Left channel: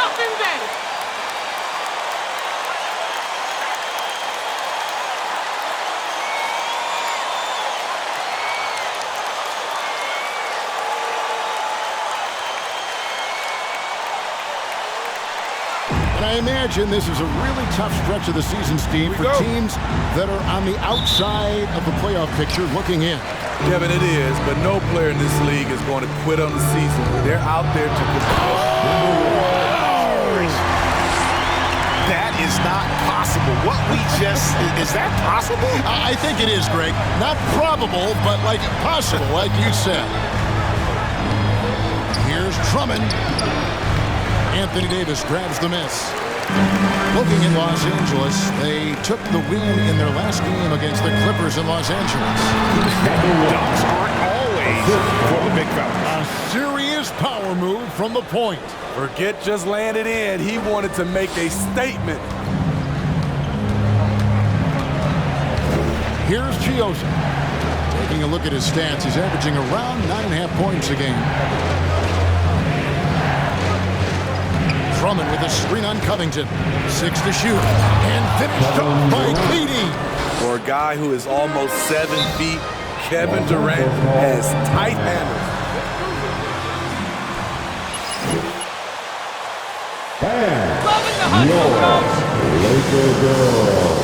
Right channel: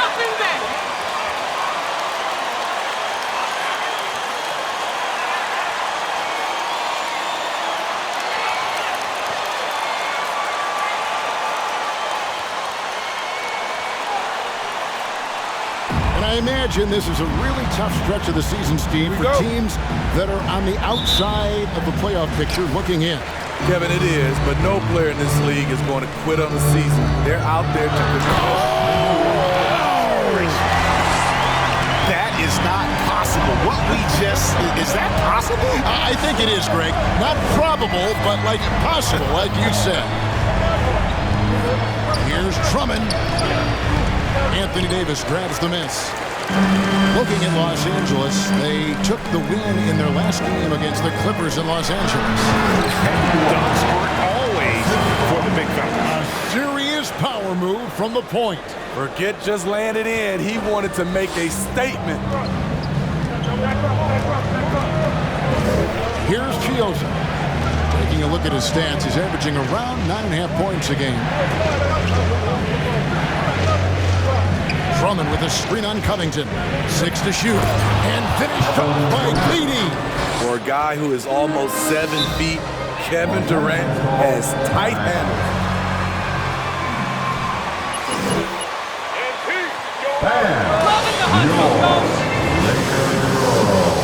nothing there. And I imagine this is a really tough stretch of the season, Steve, for teams that are on the outside of the playoff picture looking in. Kevin, it is, but no player in this league is going to quit on the season. They're out there to compete. That is not possible. Is that possible? I think it is, Greg. Not probable, but like possible, like you said. Here's Drummond. Anthony Davis grabs the miss. Looking at Los Angeles, they took the win in their last game against the Clippers in Los Angeles. Dunks aren't always for the big fellas. A serious power move from the point. Forget just landed in. He wanted to make a statement. Here's Chioza. Taking a look at his stats, he's averaging around 9.5 points a game. Drummond with a screen on Covington. 6 to shoot. And finished off by KD. For a guy who is almost 7 feet, Kevin Durant has tight handles. Loving the hustle, coach. Laker girl.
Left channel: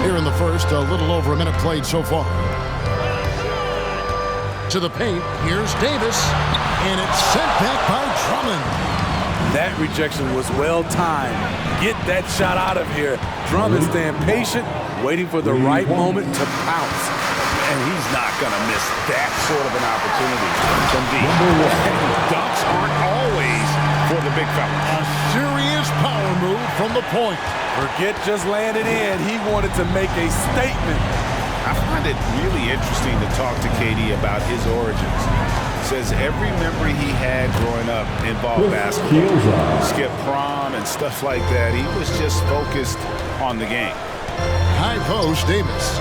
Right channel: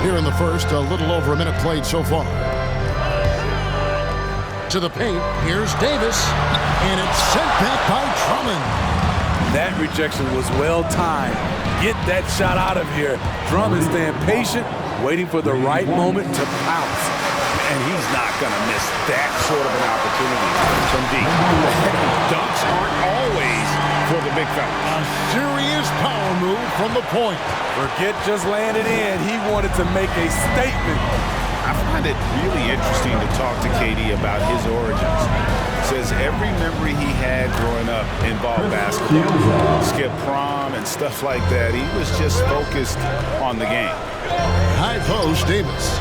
Here in the first, a little over a minute played so far. To the paint, here's Davis, and it's sent back by Drummond. That rejection was well timed. Get that shot out of here. Drummond staying patient, waiting for the right moment to pounce. And he's not going to miss that sort of an opportunity from deep. Dunks aren't always for the big fella. A serious power move from the point. Forget just landed in. He wanted to make a statement. I find it really interesting to talk to KD about his origins. Says every memory he had growing up involved basketball. Skip prom and stuff like that. He was just focused on the game. High post, Davis.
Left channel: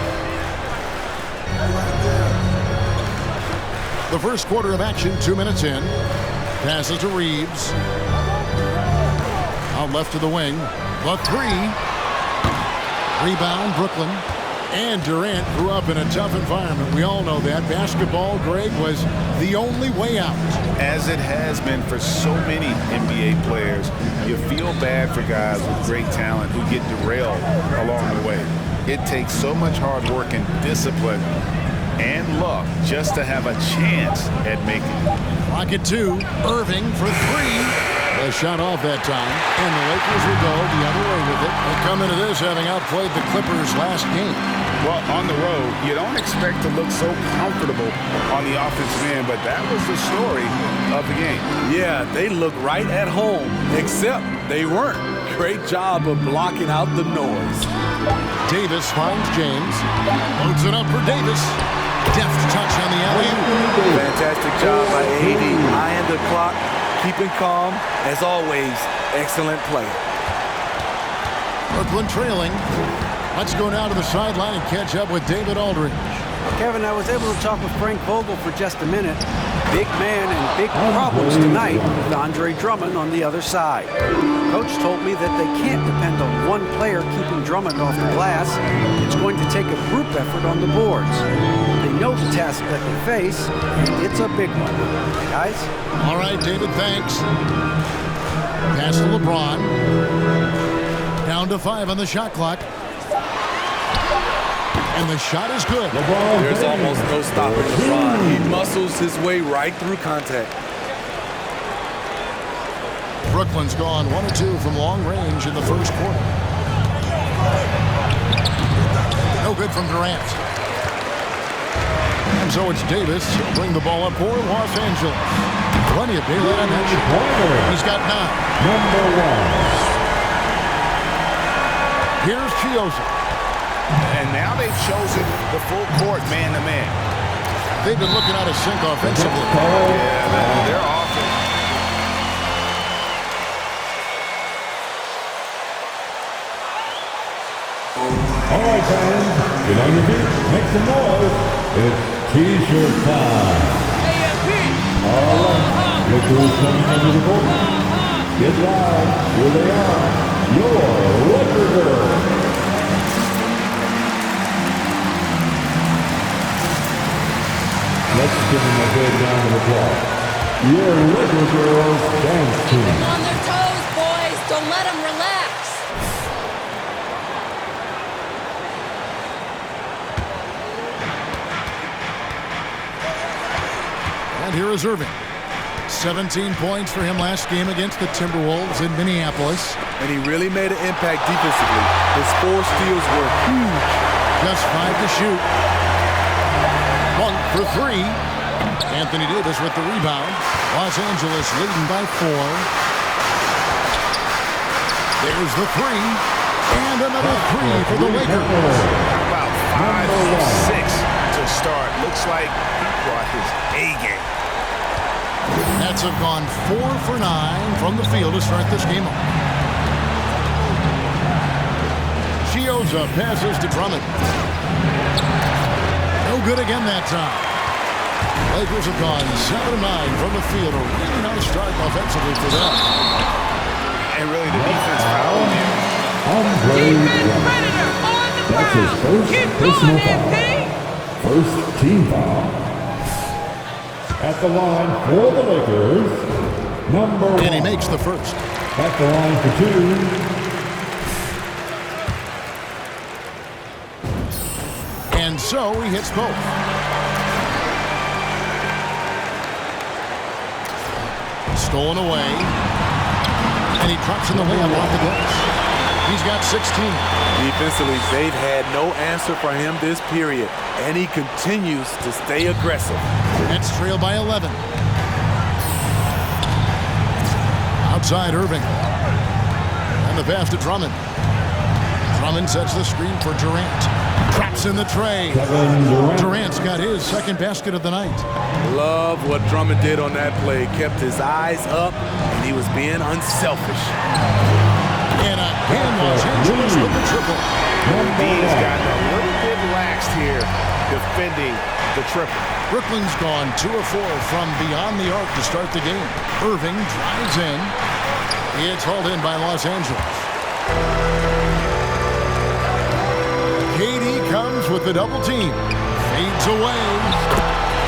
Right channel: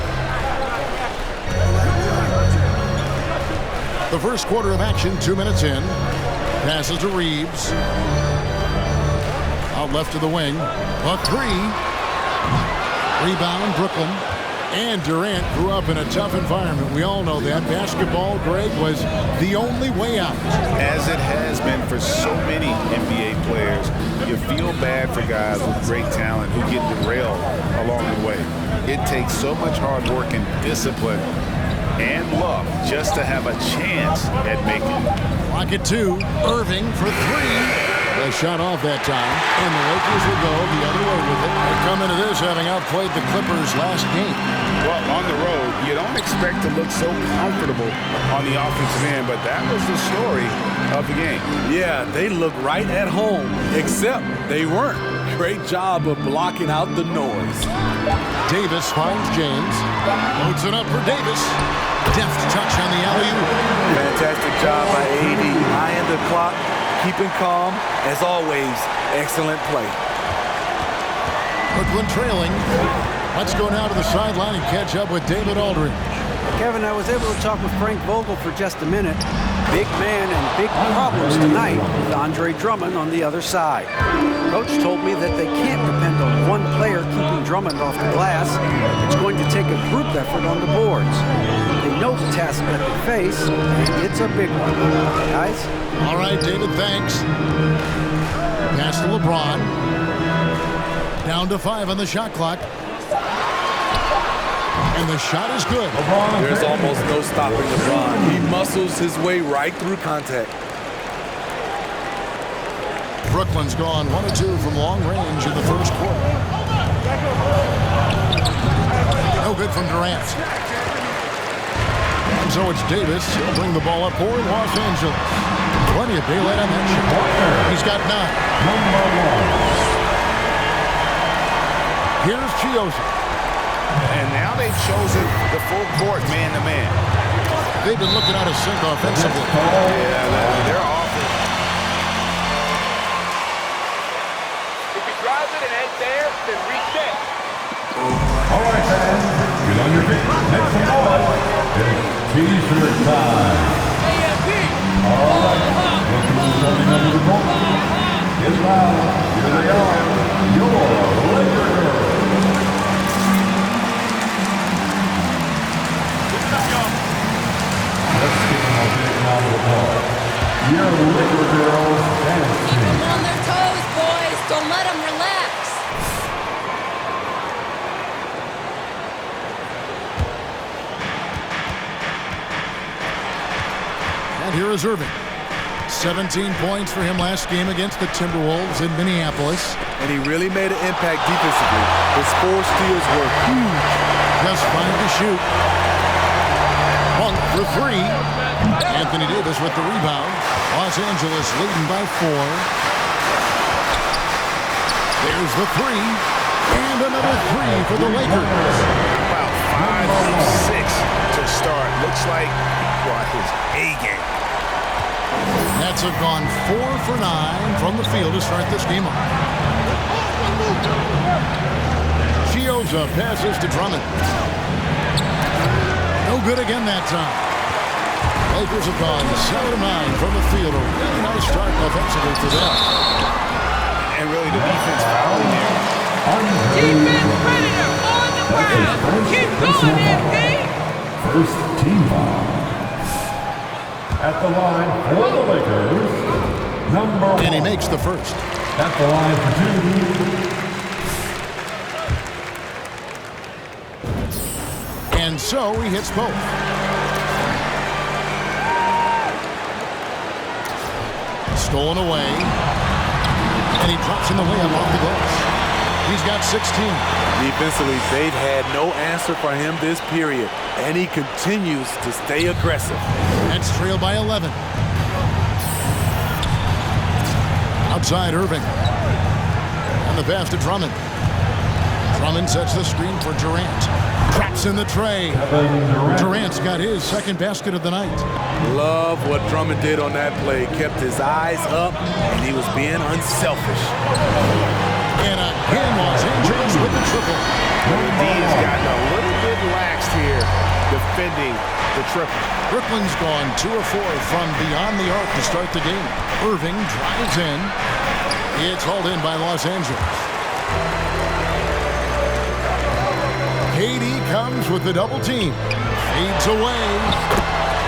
The first quarter of action, 2 minutes in. Passes to Reeves. Out left to the wing. The three. Rebound, Brooklyn. And Durant grew up in a tough environment. We all know that. Basketball, Greg, was the only way out. As it has been for so many NBA players, you feel bad for guys with great talent who get derailed along the way. It takes so much hard work and discipline and luck just to have a chance at making it. Clock at 2. Irving for 3. The shot off that time, and the Lakers will go the other way with it. They come into this having outplayed the Clippers last game. Well, on the road, you don't expect to look so comfortable on the offensive end, but that was the story of the game. Yeah, they look right at home, except they weren't. Great job of blocking out the noise. Davis finds James. Loads it up for Davis. Deft touch on the alley-oop. Fantastic job by AD. Eyeing the clock, keeping calm. As always, excellent play. Brooklyn trailing. Let's go now to the sideline and catch up with David Aldridge. Kevin, I was able to talk with Frank Vogel for just a minute. Big man and big problems tonight with Andre Drummond on the other side. Coach told me that they can't depend on one player keeping Drummond off the glass. It's going to take a group effort on the boards. They know the task that they face, and it's a big one. Guys? All right, David, thanks. Pass to LeBron. Down to 5 on the shot clock. And the shot is good. There's almost no stopping LeBron. He muscles his way right through contact. Brooklyn's gone 1 of 2 from long range in the first quarter. No good from Durant. And so it's Davis. He'll bring the ball up for Los Angeles. Plenty of daylight on that shot. He's got 9. Number 1. Here's Chioza. And now they've chosen the full court man-to-man. They've been looking out of sync offensively. Yeah, they're offense. All right, fans, get on your feet, make some noise. It's T-shirt time. AMP. All right, look who's coming under the court. Get loud. Here they are, your Laker girls. Let's give them a big round of applause. Your Laker girls dance Keep team. them on their toes, boys. Don't let them relax. And here is Irving. 17 points for him last game against the Timberwolves in Minneapolis. And he really made an impact defensively. His 4 steals were huge. Just 5 to shoot. Monk for 3. Anthony Davis with the rebound. Los Angeles leading by 4. There's the 3. And another 3 for the Lakers. How about 5 of 6 to start? Looks like he brought his A game. Nets have gone 4 for 9 from the field to start this game off. Chioza passes to Drummond. No good again that time. Lakers have gone 7 of 9 from the field. A really nice start offensively for them. And really the defense fouling there. Defense predator on the ground. Keep going, MP. First team foul. At the line for the Lakers, number 1. And he makes the first. At the line for 2. And so he hits both. Stolen away. And he drops in the layup off the glass. He's got 16. Defensively, they've had no answer for him this period. And he continues to stay aggressive. Nets trail by 11. Outside Irving. And the pass to Drummond. Drummond sets the screen for Durant. Traps in the tray. Durant's got his second basket of the night. Love what Drummond did on that play. Kept his eyes up, and he was being unselfish. And again, Los Angeles with the triple. The D has gotten a little bit laxed here defending the triple. Brooklyn's gone 2 of 4 from beyond the arc to start the game. Irving drives in. It's hauled in by Los Angeles. KD comes with the double team. Fades away.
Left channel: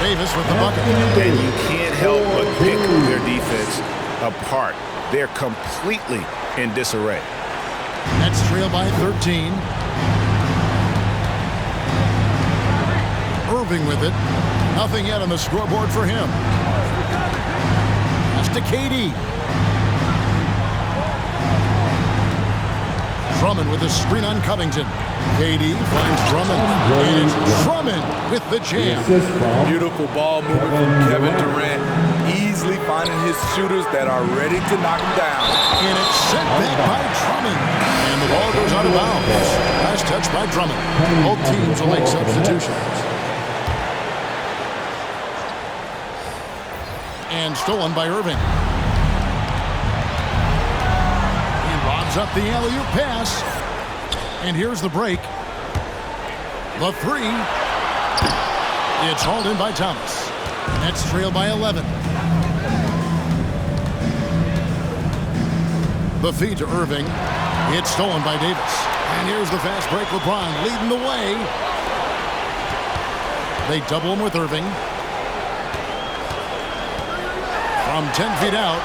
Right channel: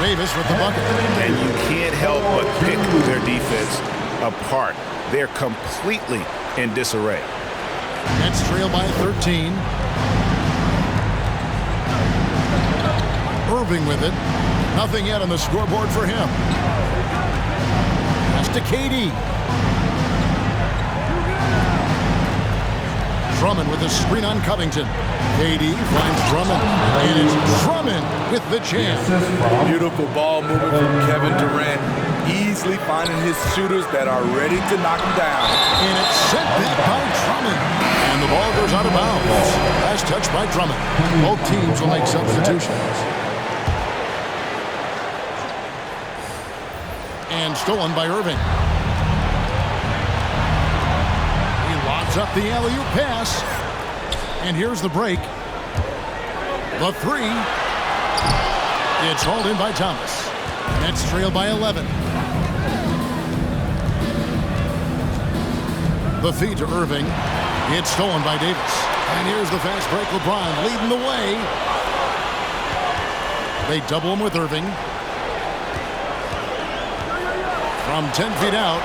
Davis with the bucket. And you can't help but pick their defense apart. They're completely in disarray. Nets trail by 13. Irving with it. Nothing yet on the scoreboard for him. Pass to KD. Drummond with a screen on Covington. KD finds Drummond, and it's Drummond with the jam. Beautiful ball movement from Kevin Durant, easily finding his shooters that are ready to knock him down. And it's sent back by Drummond, and the ball goes out of bounds. Last touch by Drummond. Both teams will make substitutions. And stolen by Irving. He lobs up the alley-oop pass. And here's the break. The 3. It's hauled in by Thomas. Nets trail by 11. The feed to Irving. It's stolen by Davis. And here's the fast break. LeBron leading the way. They double him with Irving. From 10 feet out.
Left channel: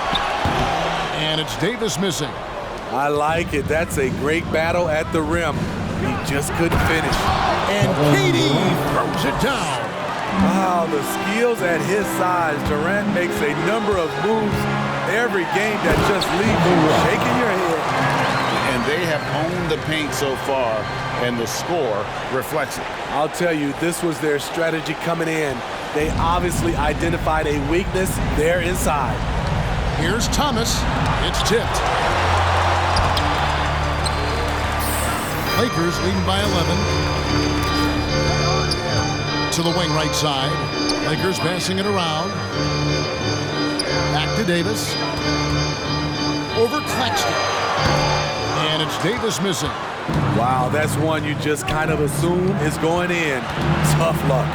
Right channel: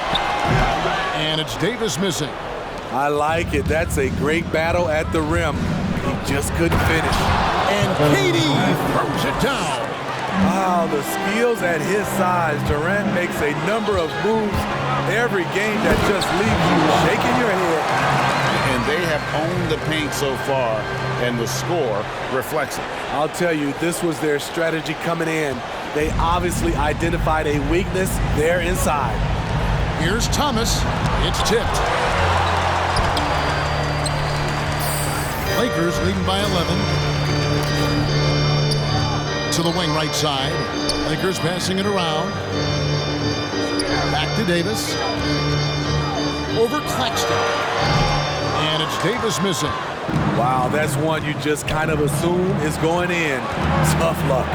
And it's Davis missing. I like it. That's a great battle at the rim. He just couldn't finish. And KD throws it down. Wow, the skills at his size. Durant makes a number of moves every game that just leaves you shaking your head. And they have owned the paint so far, and the score reflects it. I'll tell you, this was their strategy coming in. They obviously identified a weakness there inside. Here's Thomas. It's tipped. Lakers leading by 11. To the wing right side. Lakers passing it around. Back to Davis. Over Claxton. And it's Davis missing. Wow, that's one you just kind of assume is going in. Tough luck.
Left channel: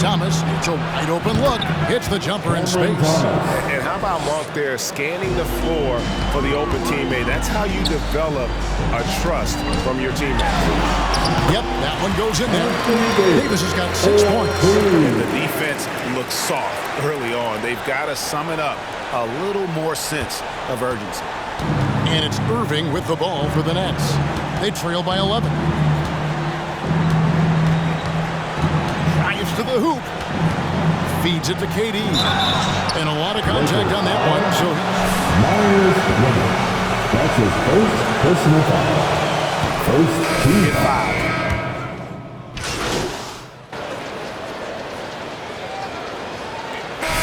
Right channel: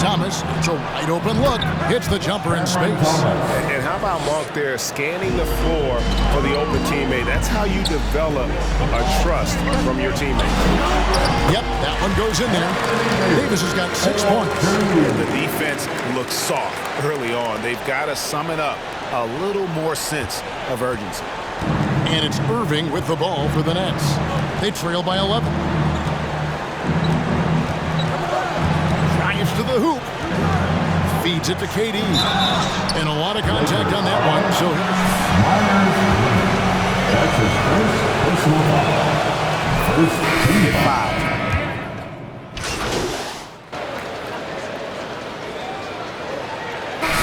Thomas, it's a wide open look. Hits the jumper in space. And how about Monk there scanning the floor for the open teammate? That's how you develop a trust from your teammate. Yep, that one goes in there. Davis has got 6 points. And the defense looks soft early on. They've got to sum it up. A little more sense of urgency. And it's Irving with the ball for the Nets. They trail by 11. Drives to the hoop. Feeds it to KD. And a lot of contact on that one. So Myers winning. That's his first personal foul. First team Get fouled.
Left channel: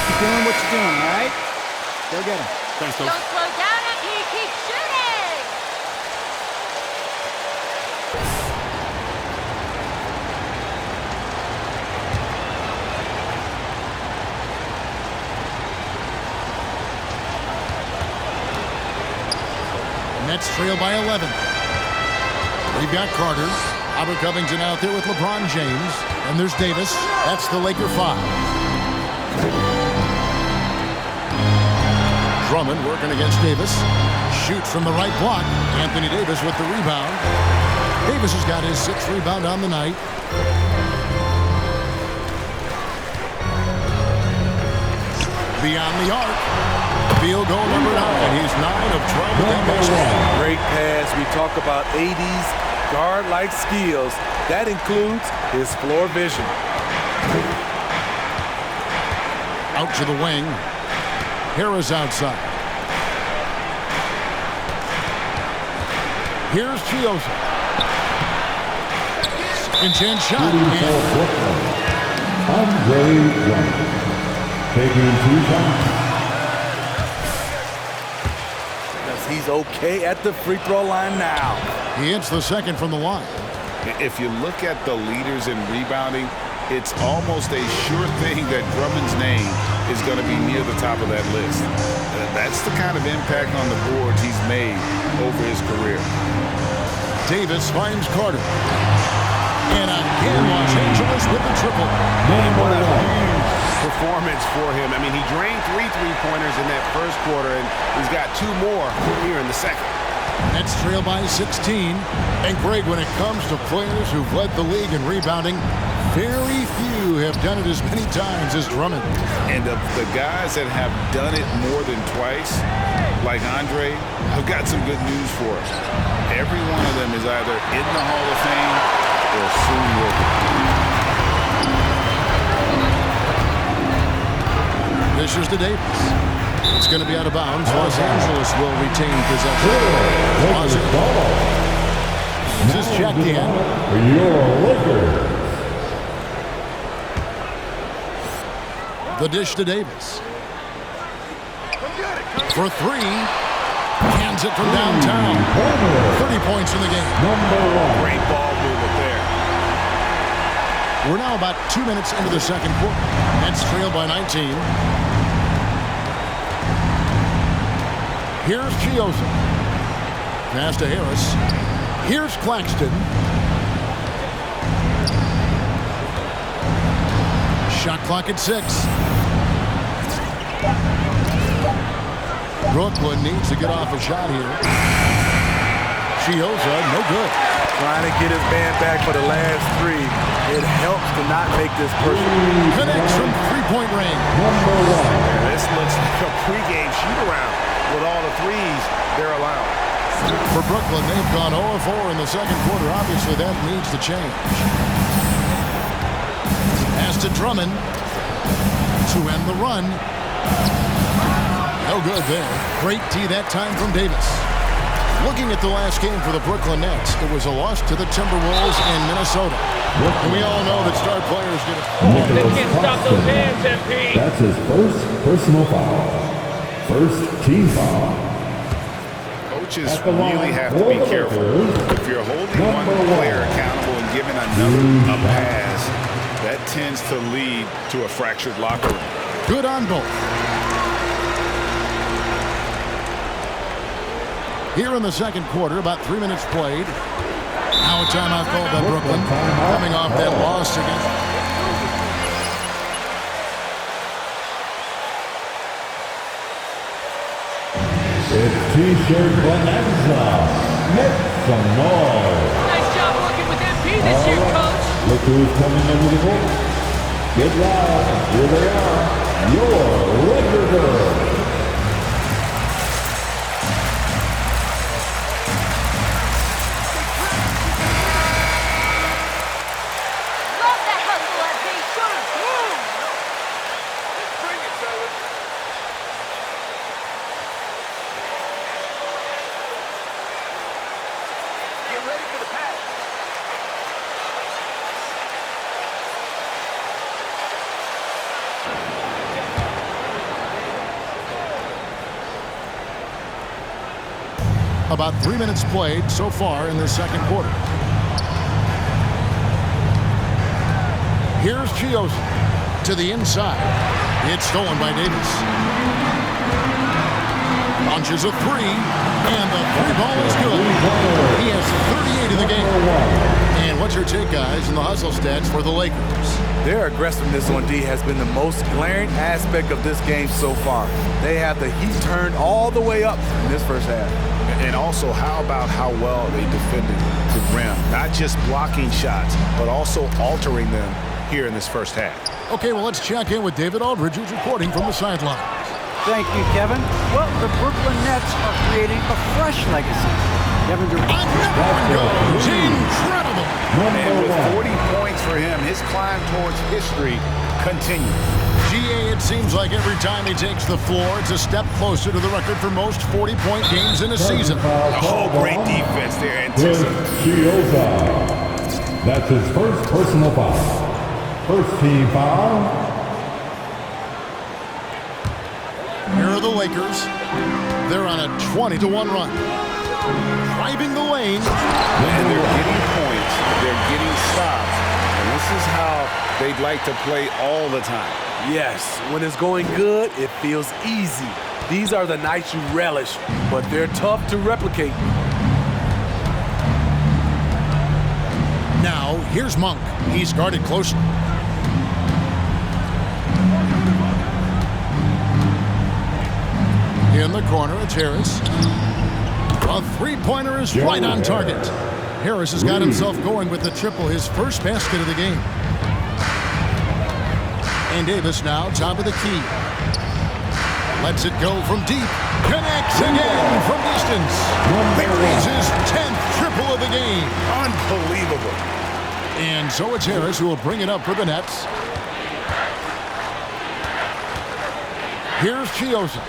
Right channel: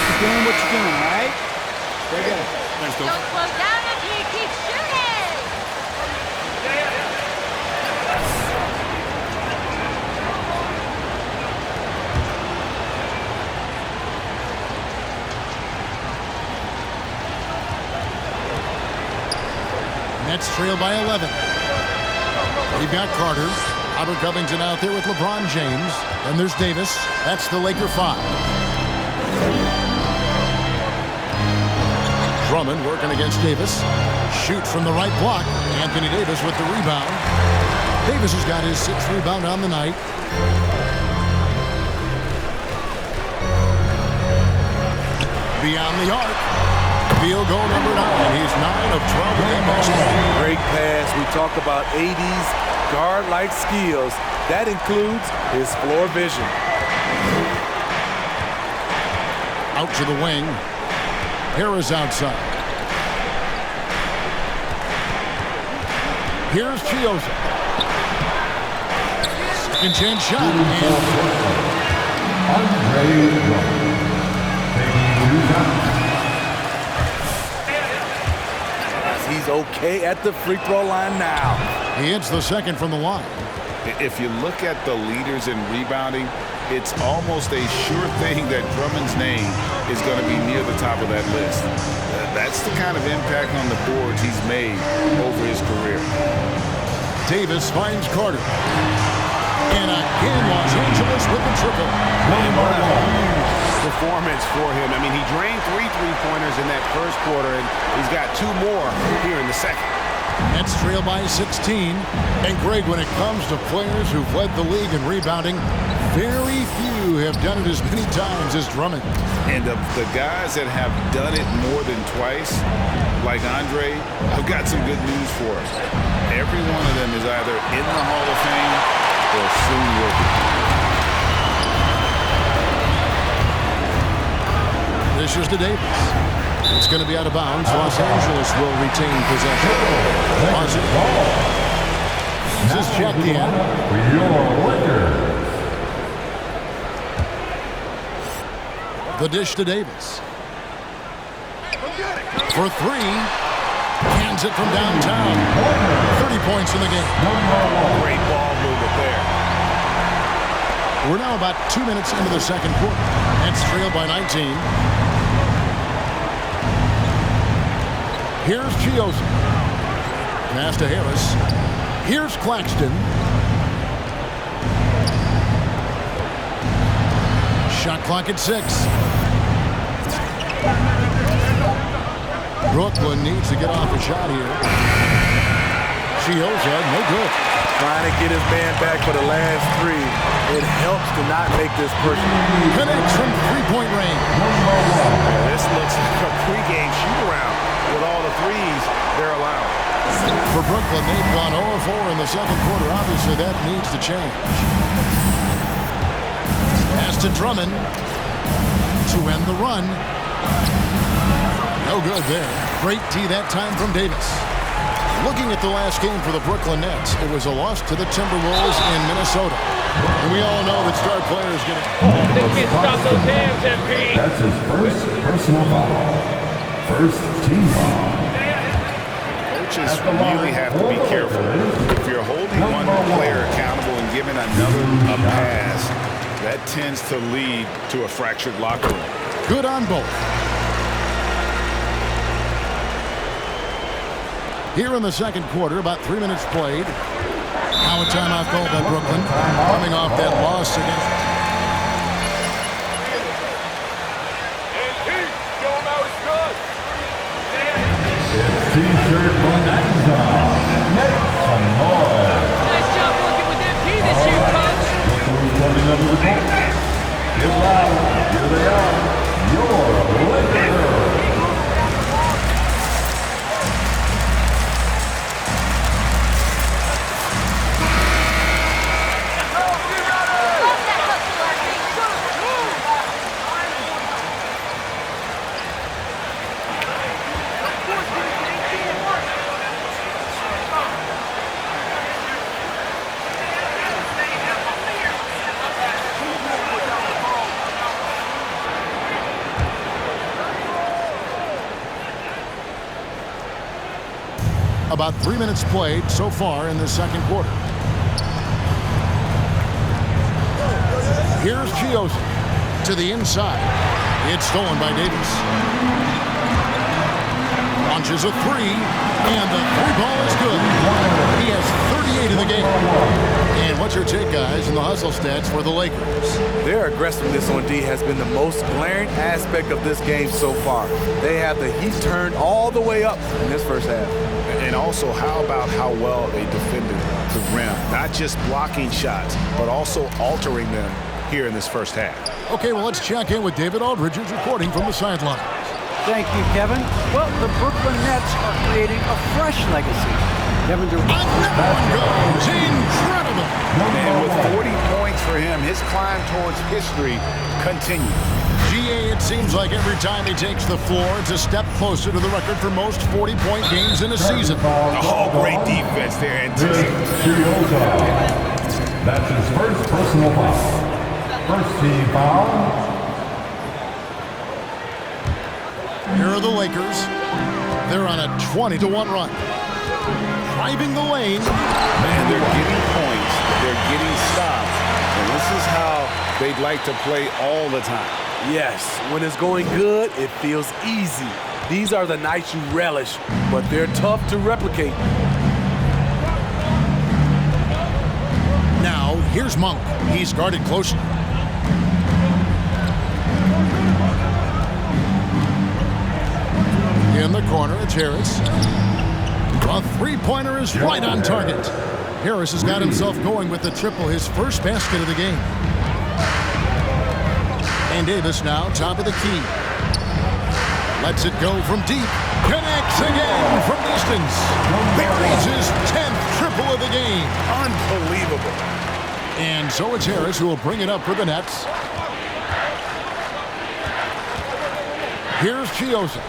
Keep doing what you're doing, all right? Go get him. Thanks, Don't slow down after you keep shooting. Nets trail by 11. We've got Carter. Robert Covington out there with LeBron James. And there's Davis. That's the Laker 5. Drummond working against Davis. Shoots from the right block. Anthony Davis with the rebound. Davis has got his 6th rebound on the night. Beyond the arc. Field goal number 9. He's 9 of 12 with that next one. Great pass. We talk about 80s guard-like skills. That includes his floor vision. Out to the wing. Harris outside. Here's Chiosa. Second chance shot. for Brooklyn. Andre Drummond. Taking 2 shots. He's okay at the free throw line now. He hits the second from the line. If you look at the leaders in rebounding, it's almost a sure thing that Drummond's name is going to be near the top of that list. That's the kind of impact on the boards he's made over his career. Davis finds Carter. And again, Los Angeles with the triple. And what a huge performance for him. I mean, he drained 3 three-pointers in that first quarter, and he's got 2 more here in the second. Nets trail by 16. And Greg, when it comes to players who've led the league in rebounding, very few have done it as many times as Drummond. And of the guys that have done it more than twice, like Andre, I've got some good news for him. Every one of them is either in the Hall of Fame or soon will be. This is to Davis. It's going to be out of bounds. Los Angeles will retain possession. Los Angeles. This is checked in. For your Lakers. The dish to Davis. For 3. Hands it from downtown. 30 points in the game. Great ball movement there. We're now about 2 minutes into the second quarter. Nets trail by 19. Here's Chiosa. Pass to Harris. Here's Claxton. Shot clock at 6. Brooklyn needs to get off a shot here. Chiosa, no good. Trying to get his man back for the last 3. It helps to not make this personal. Connects from three-point range. Yeah, this looks like a pregame shoot-around with all the threes they're allowing. For Brooklyn, they've gone 0-4 in the second quarter. Obviously, that needs to change. Pass to Drummond to end the run. No good there. Great tee that time from Davis. Looking at the last game for the Brooklyn Nets, it was a loss to the Timberwolves in Minnesota. And we all know that star players get it. They can't stop those hands, MP. That's his first personal foul. First team foul. Coaches really have to be careful. If you're holding one player accountable and giving another a pass, that tends to lead to a fractured locker room. Good on both. Here in the second quarter, about 3 minutes played. Now a timeout called by Brooklyn, coming off that loss against... It's T-shirt Bonanza. Make some noise. Nice job working with MP this year, Coach. Look who's coming under the court. Get loud. Here they are. Your Laker Girls. Love that hustle, MP. Move. About 3 minutes played so far in the second quarter. Here's Chiosa to the inside. It's stolen by Davis. Launches a three, and the three ball is good. He has 38 in the game. And what's your take, guys, in the hustle stats for the Lakers? Their aggressiveness on D has been the most glaring aspect of this game so far. They have the heat turned all the way up in this first half. And also, how about how well they defended the rim? Not just blocking shots, but also altering them here in this first half. Okay, well, let's check in with David Aldridge, who's reporting from the sidelines. Thank you, Kevin. Well, the Brooklyn Nets are creating a fresh legacy. Kevin Durant. Another one goes. Incredible. And with 40 points for him, his climb towards history continues. GA, it seems like every time he takes the floor, it's a step closer to the record for most 40-point games in a season. Oh, great defense there. Chiosa. That's his first personal foul. First team foul. Here are the Lakers. They're on a 20-1 run. Driving the lane. And they're getting points. They're getting stops. And this is how they'd like to play all the time. Yes, when it's going good, it feels easy. These are the nights you relish, but they're tough to replicate. Now, here's Monk. He's guarded closely. In the corner, it's Harris. A three-pointer is right on target. Harris has got himself going with the triple, his first basket of the game. And Davis now top of the key. Lets it go from deep. Connects again from distance. Buries his 10th triple of the game. Unbelievable. And so it's Harris who will bring it up for the Nets. Here's Chiosa.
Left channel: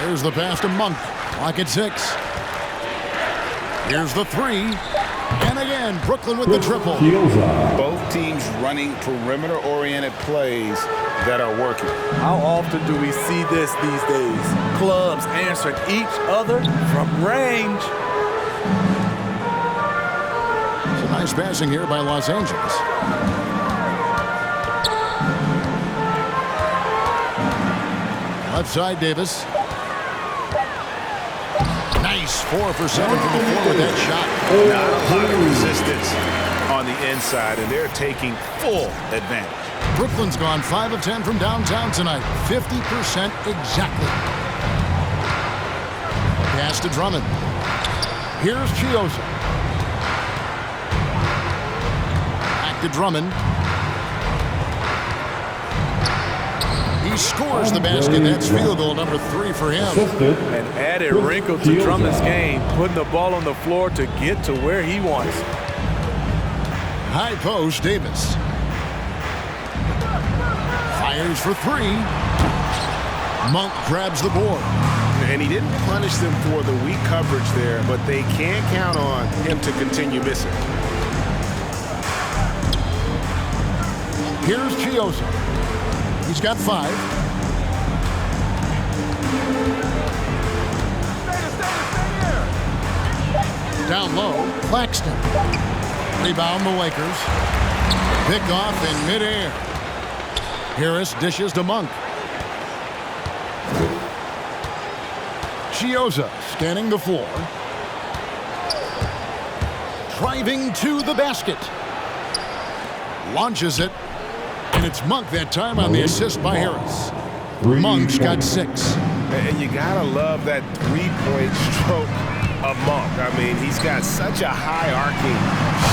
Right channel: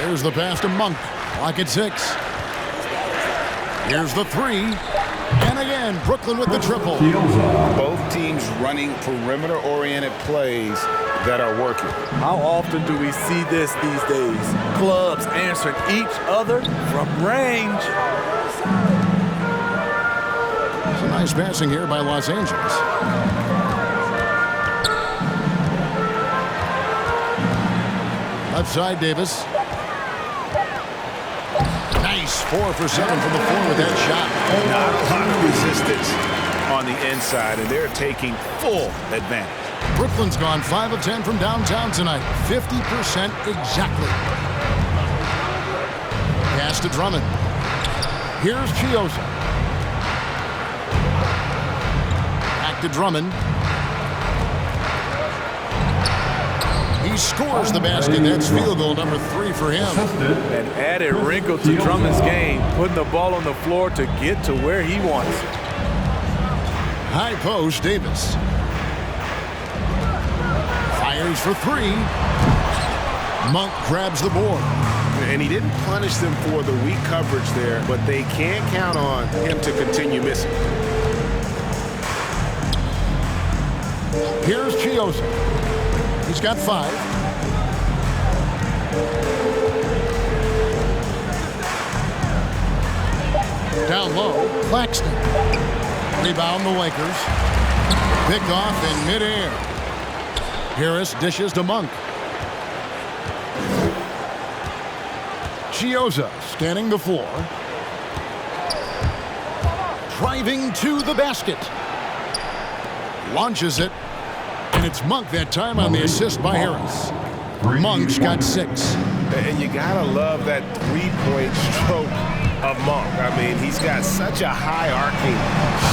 Here's the pass to Monk. Clock at 6. Here's the three. And again, Brooklyn with the triple. Both teams running perimeter-oriented plays that are working. How often do we see this these days? Clubs answering each other from range. Some nice passing here by Los Angeles. Left side, Davis. Nice 4 for 7 from the floor with that shot. Not a lot of resistance on the inside, and they're taking full advantage. Brooklyn's gone 5 of 10 from downtown tonight. 50% exactly. Pass to Drummond. Here's Chiosa. Back to Drummond. He scores the basket. That's field goal number 3 for him. An added wrinkle to Drummond's game, putting the ball on the floor to get to where he wants. High post, Davis. Fires for 3. Monk grabs the board. And he didn't punish them for the weak coverage there, but they can't count on him to continue missing. Here's Chiosa. He's got 5. Down low, Claxton. Rebound the Lakers. Picked off in midair. Harris dishes to Monk. Chiosa scanning the floor. Driving to the basket. Launches it. And it's Monk that time on the assist by Harris. Monk's got 6. And you gotta love that three-point stroke of Monk. I mean, he's got such a high arcing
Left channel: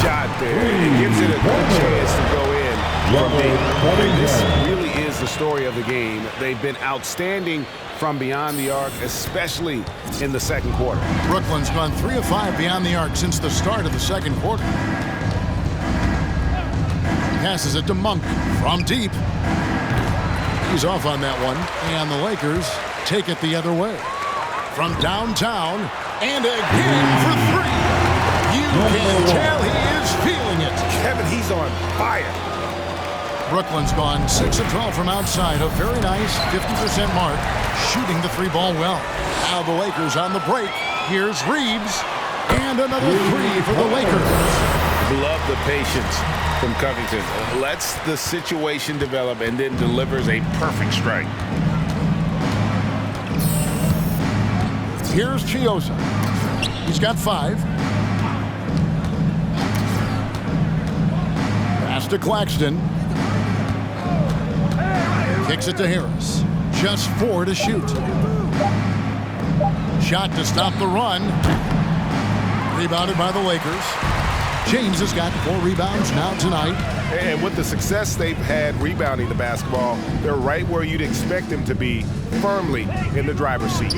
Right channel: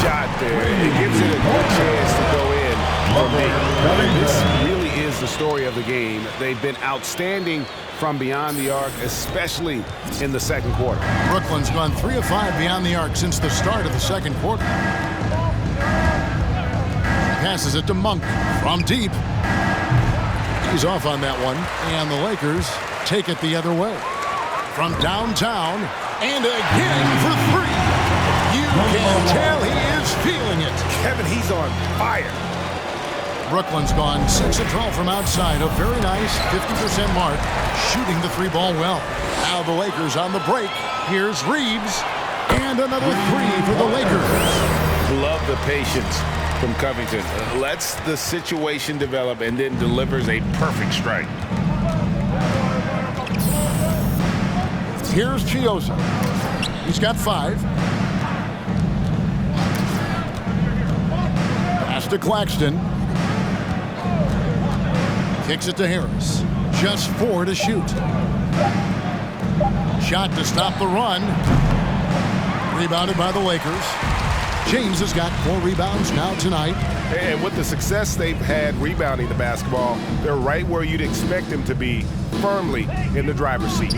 shot there. It gives it a good chance to go in from deep. And this really is the story of the game. They've been outstanding from beyond the arc, especially in the second quarter. Brooklyn's gone 3 of 5 beyond the arc since the start of the second quarter. Passes it to Monk from deep. He's off on that one, and the Lakers take it the other way. From downtown, and again for 3. You can tell he is feeling it. Kevin, he's on fire. Brooklyn's gone 6 of 12 from outside, a very nice 50% mark, shooting the 3-ball well. Now the Lakers on the break. Here's Reeves, and another 3 for the Lakers. Love the patience from Covington. Lets the situation develop and then delivers a perfect strike. Here's Chiosa. He's got 5. Pass to Claxton. Kicks it to Harris. Just 4 to shoot. Shot to stop the run. Rebounded by the Lakers. James has got 4 rebounds now tonight. And with the success they've had rebounding the basketball, they're right where you'd expect them to be, firmly in the driver's seat.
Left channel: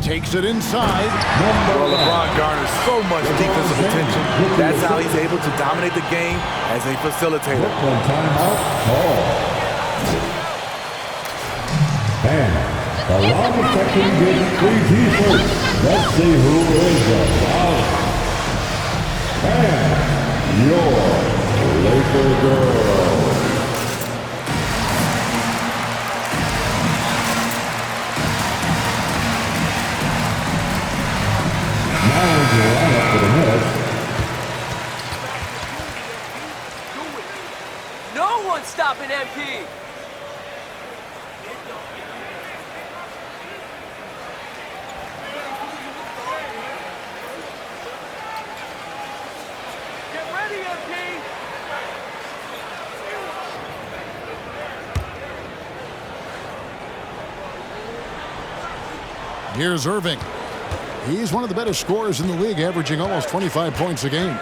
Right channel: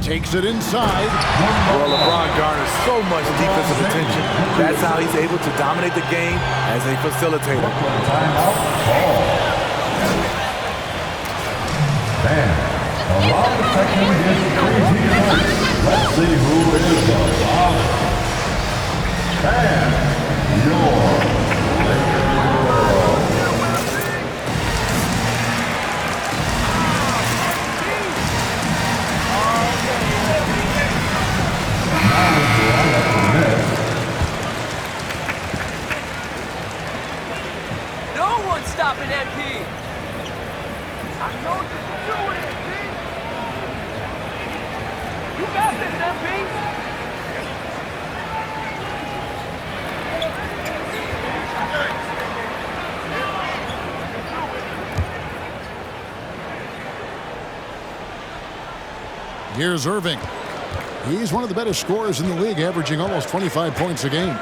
Takes it inside. Well, LeBron garners so much defensive attention. That's how he's able to dominate the game as a facilitator. Brooklyn timeout call. And the long section gets 3 T-shirts. Let's see who is the boss. And your Laker girl. Now to line up for the Nets. No one's stopping MP. I know you can do it, MP. You got this, MP. Get ready, MP. Here's Irving. He's one of the better scorers in the league, averaging almost 25 points a game.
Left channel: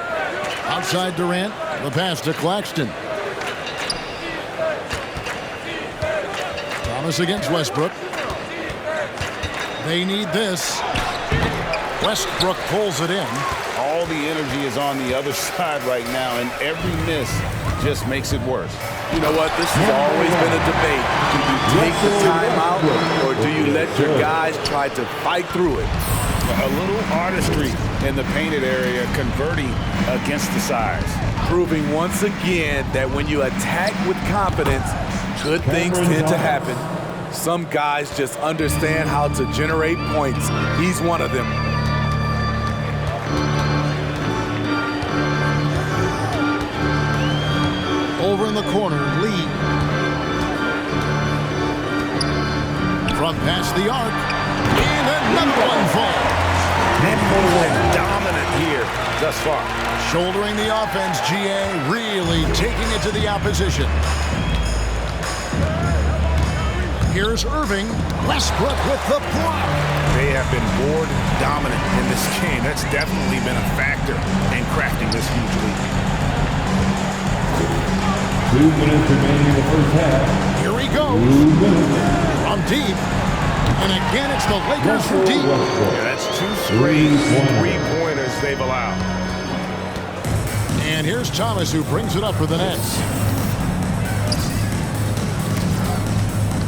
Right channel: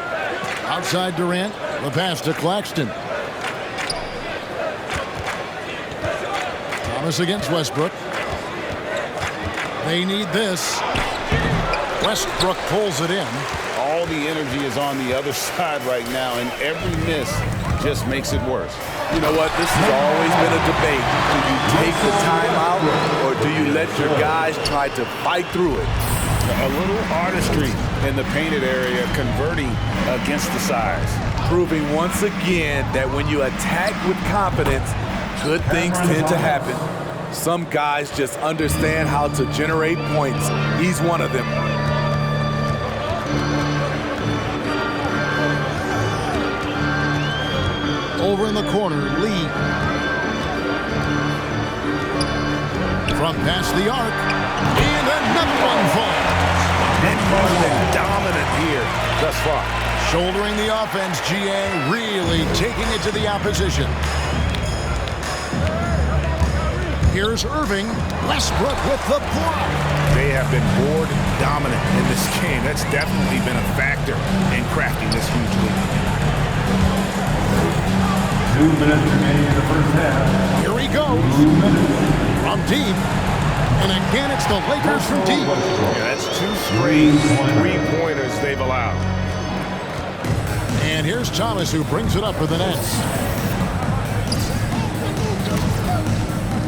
Outside Durant, the pass to Claxton. Thomas against Westbrook. They need this. Westbrook pulls it in. All the energy is on the other side right now, and every miss just makes it worse. You know what? This has always been a debate. Do you take the timeout, or do you let your guys try to fight through it? A little artistry in the painted area, converting against the size. Proving once again that when you attack with confidence, good things tend to happen. Some guys just understand how to generate points. He's one of them. Over in the corner, Lee. From past the arc, and another one falls. And he's been dominant here thus far. Shouldering the offense, GA, really taking it to the opposition. Here's Irving. Westbrook with the block. They have been board dominant in this game. That's definitely been a factor in crafting this huge lead. 2 minutes remaining in the first half. Here he goes. 2 minutes. From deep. And again, it's the Lakers from deep. Yeah, that's 2 straight three-pointers they've allowed. And here's Thomas, who brings it up for the Nets.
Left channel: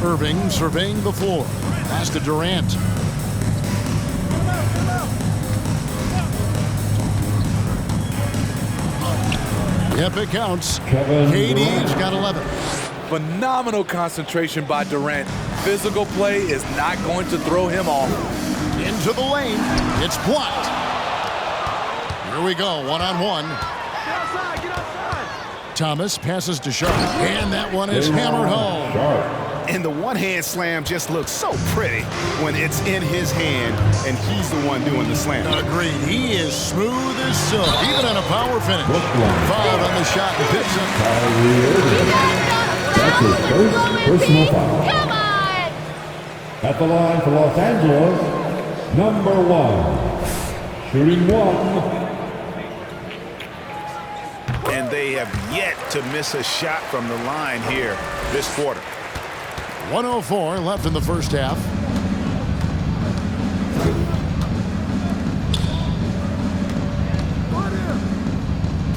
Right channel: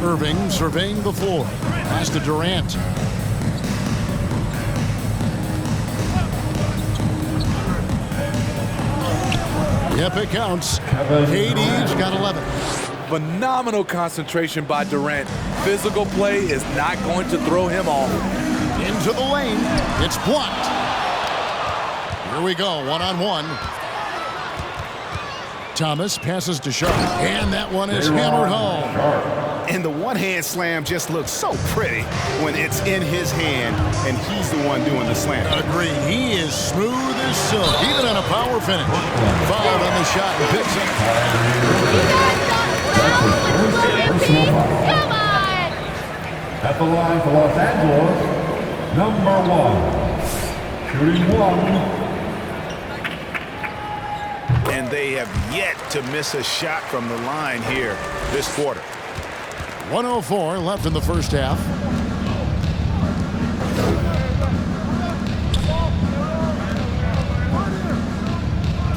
Irving surveying the floor. Pass to Durant. Yep, it counts. KD's got 11. Phenomenal concentration by Durant. Physical play is not going to throw him off. Into the lane. It's blocked. Here we go, one-on-one. Thomas passes to Sharp, and that one is hammered home. And the one-hand slam just looks so pretty when it's in his hand and he's the one doing the slam. Agreed. He is smooth as silk, even on a power finish. Fouled on the shot and picks up. You guys got a foul with slow MP? Come on! At the line for Los Angeles, number 1. Shooting 1. And they have yet to miss a shot from the line here this quarter. 1:04 left in the first half.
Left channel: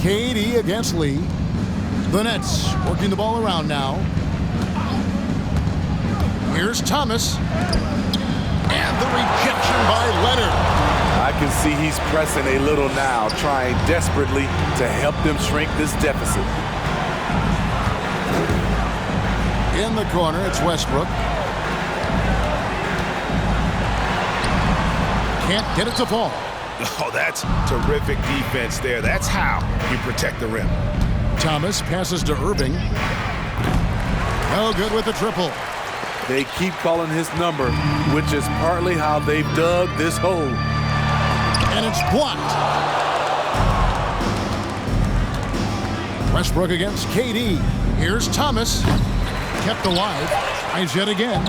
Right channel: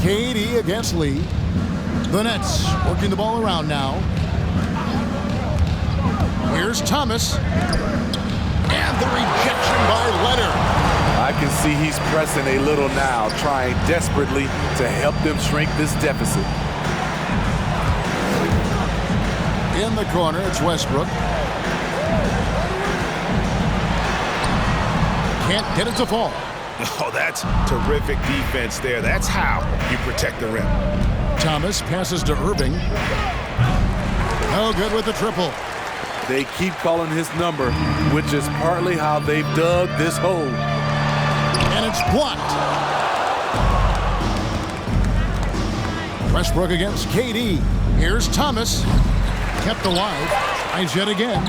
KD against Lee. The Nets working the ball around now. Here's Thomas. And the rejection by Leonard. I can see he's pressing a little now, trying desperately to help them shrink this deficit. In the corner, it's Westbrook. Can't get it to fall. Oh, that's terrific defense there. That's how you protect the rim. Thomas passes to Irving. No good with the triple. They keep calling his number, which is partly how they've dug this hole. And it's blocked. Westbrook against KD. Here's Thomas. Kept alive. Tries yet again.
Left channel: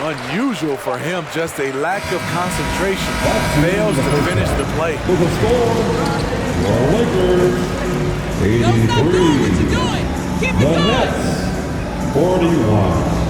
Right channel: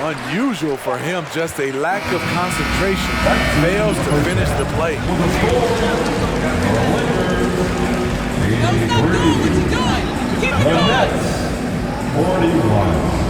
Unusual for him, just a lack of concentration. Fails to finish the play. For the score, the Lakers, 83. Don't stop doing what you're doing. Keep it The going. Nets, 41.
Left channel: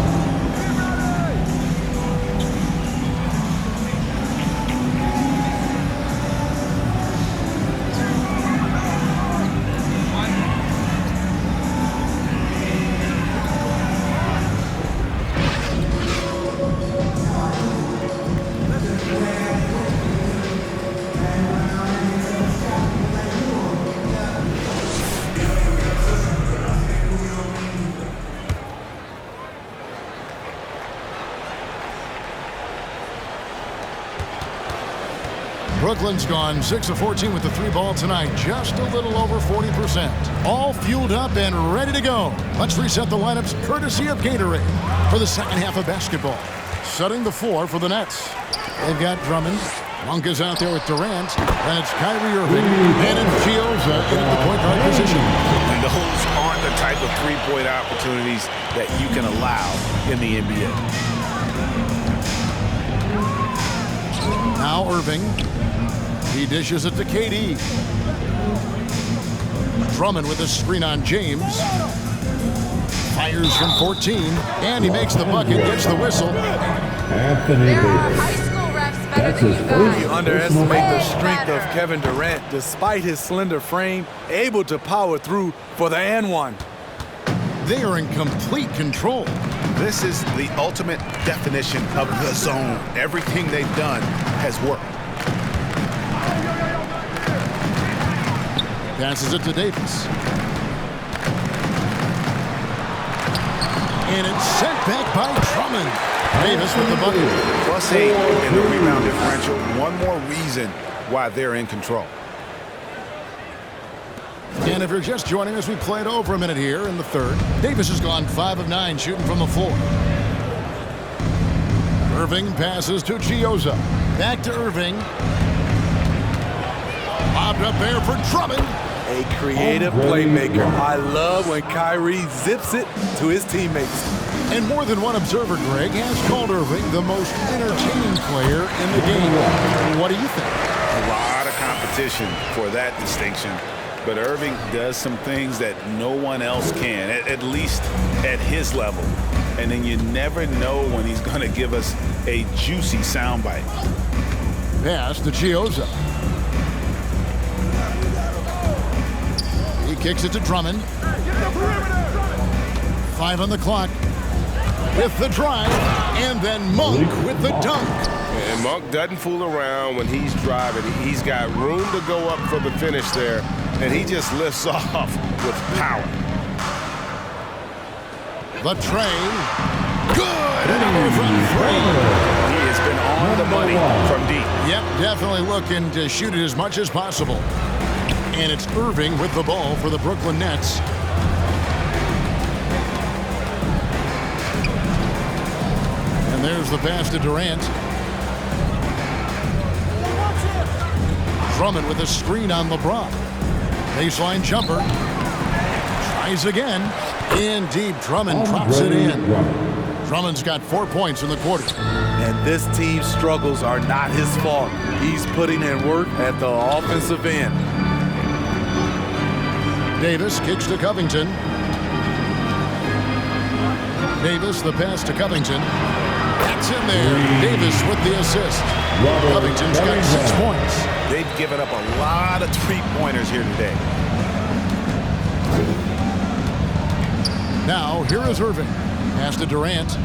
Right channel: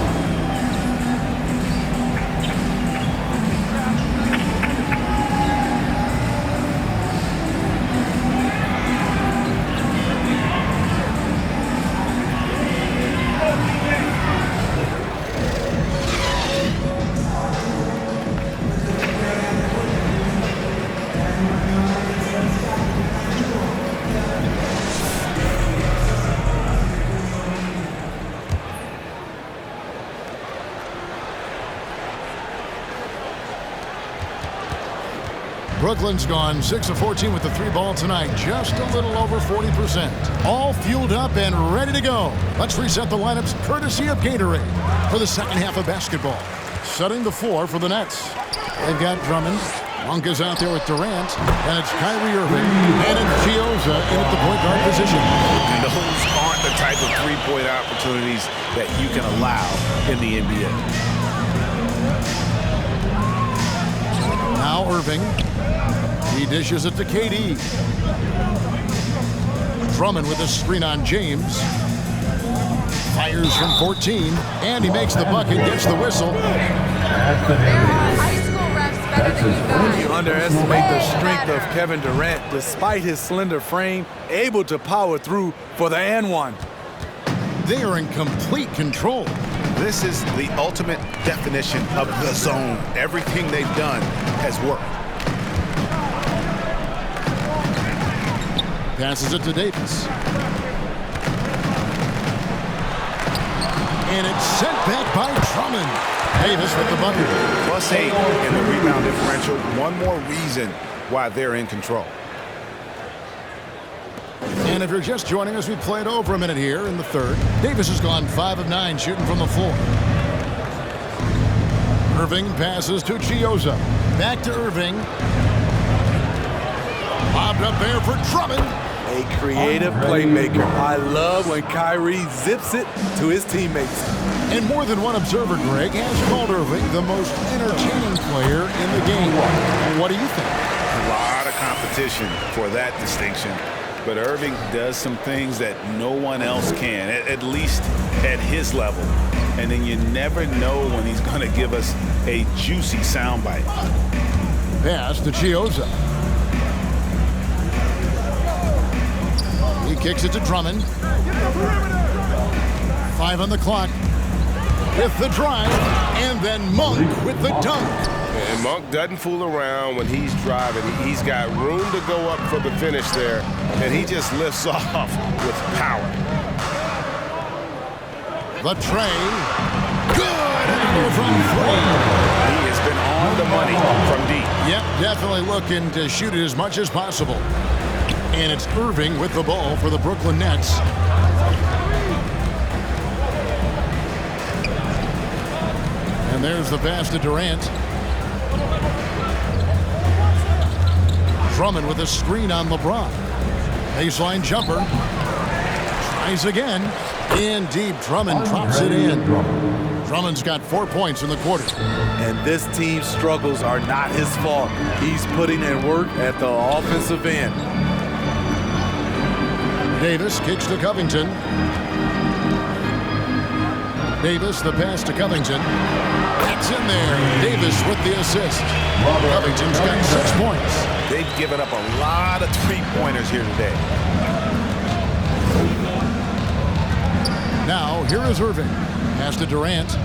Brooklyn's gone 6 of 14 with the 3-ball tonight, just a little over 40%. All fueled up and ready to go. Let's reset the lineups courtesy of Gatorade for the second half of basketball. Setting the floor for the Nets. They've got Drummond. Monk is out there with Durant. Then it's Kyrie Irving. And Chioza in at the point guard position. And those aren't the type of three-point opportunities that you can allow in the NBA. Now Irving. He dishes it to KD. Drummond with a screen on James. Fires from 14. And he makes the bucket, gets the whistle. There are high school refs better than you guys. You underestimate the strength of Kevin Durant, despite his slender frame, able to power through for the and one. They are in complete control. This is the ultimate definition of the zone. Everything they've done has worked. Passes it to Davis. And it's sent back by Drummond. Davis with the bucket. +8 in the rebound differential. One more reason why they're in control. And if you're just joining us, we played over a minute here in the third. Davis has gone 5 of 9 shooting from the floor. Irving passes to Chioza. Back to Irving. Lobbed up there for Drummond. A creative playmaker. I love when Kyrie zips it to his teammates. And more than one observer, Greg, has called Irving the most entertaining player in the game. What do you think? A lot of competition for that distinction. But Irving does some things that no one else can, at least at his level. And then you never know when he's going to give us a juicy soundbite. Pass to Chioza. He kicks it to Drummond. 5 on the clock. with the drive, and then Monk with the dunk. And Monk doesn't fool around when he's driving. He's got room to go up for the finish there, and he just lifts off with power. The tray. Good. Another from three. He has been on the money from deep. Yep, definitely looking to shoot it as much as possible. And it's Irving with the ball for the Brooklyn Nets. And there's the pass to Durant. Drummond with a screen on LeBron. Baseline jumper. Tries again. In deep, Drummond drops it in. Drummond's got 4 points in the quarter. And this team's struggles are not his fault. He's putting in work at the offensive end. Davis kicks to Covington. Davis, the pass to Covington. That's in there. Davis with the assist. Covington's got 6 points. They've given up a lot of three-pointers here today. Now, here is Irving. Pass to Durant.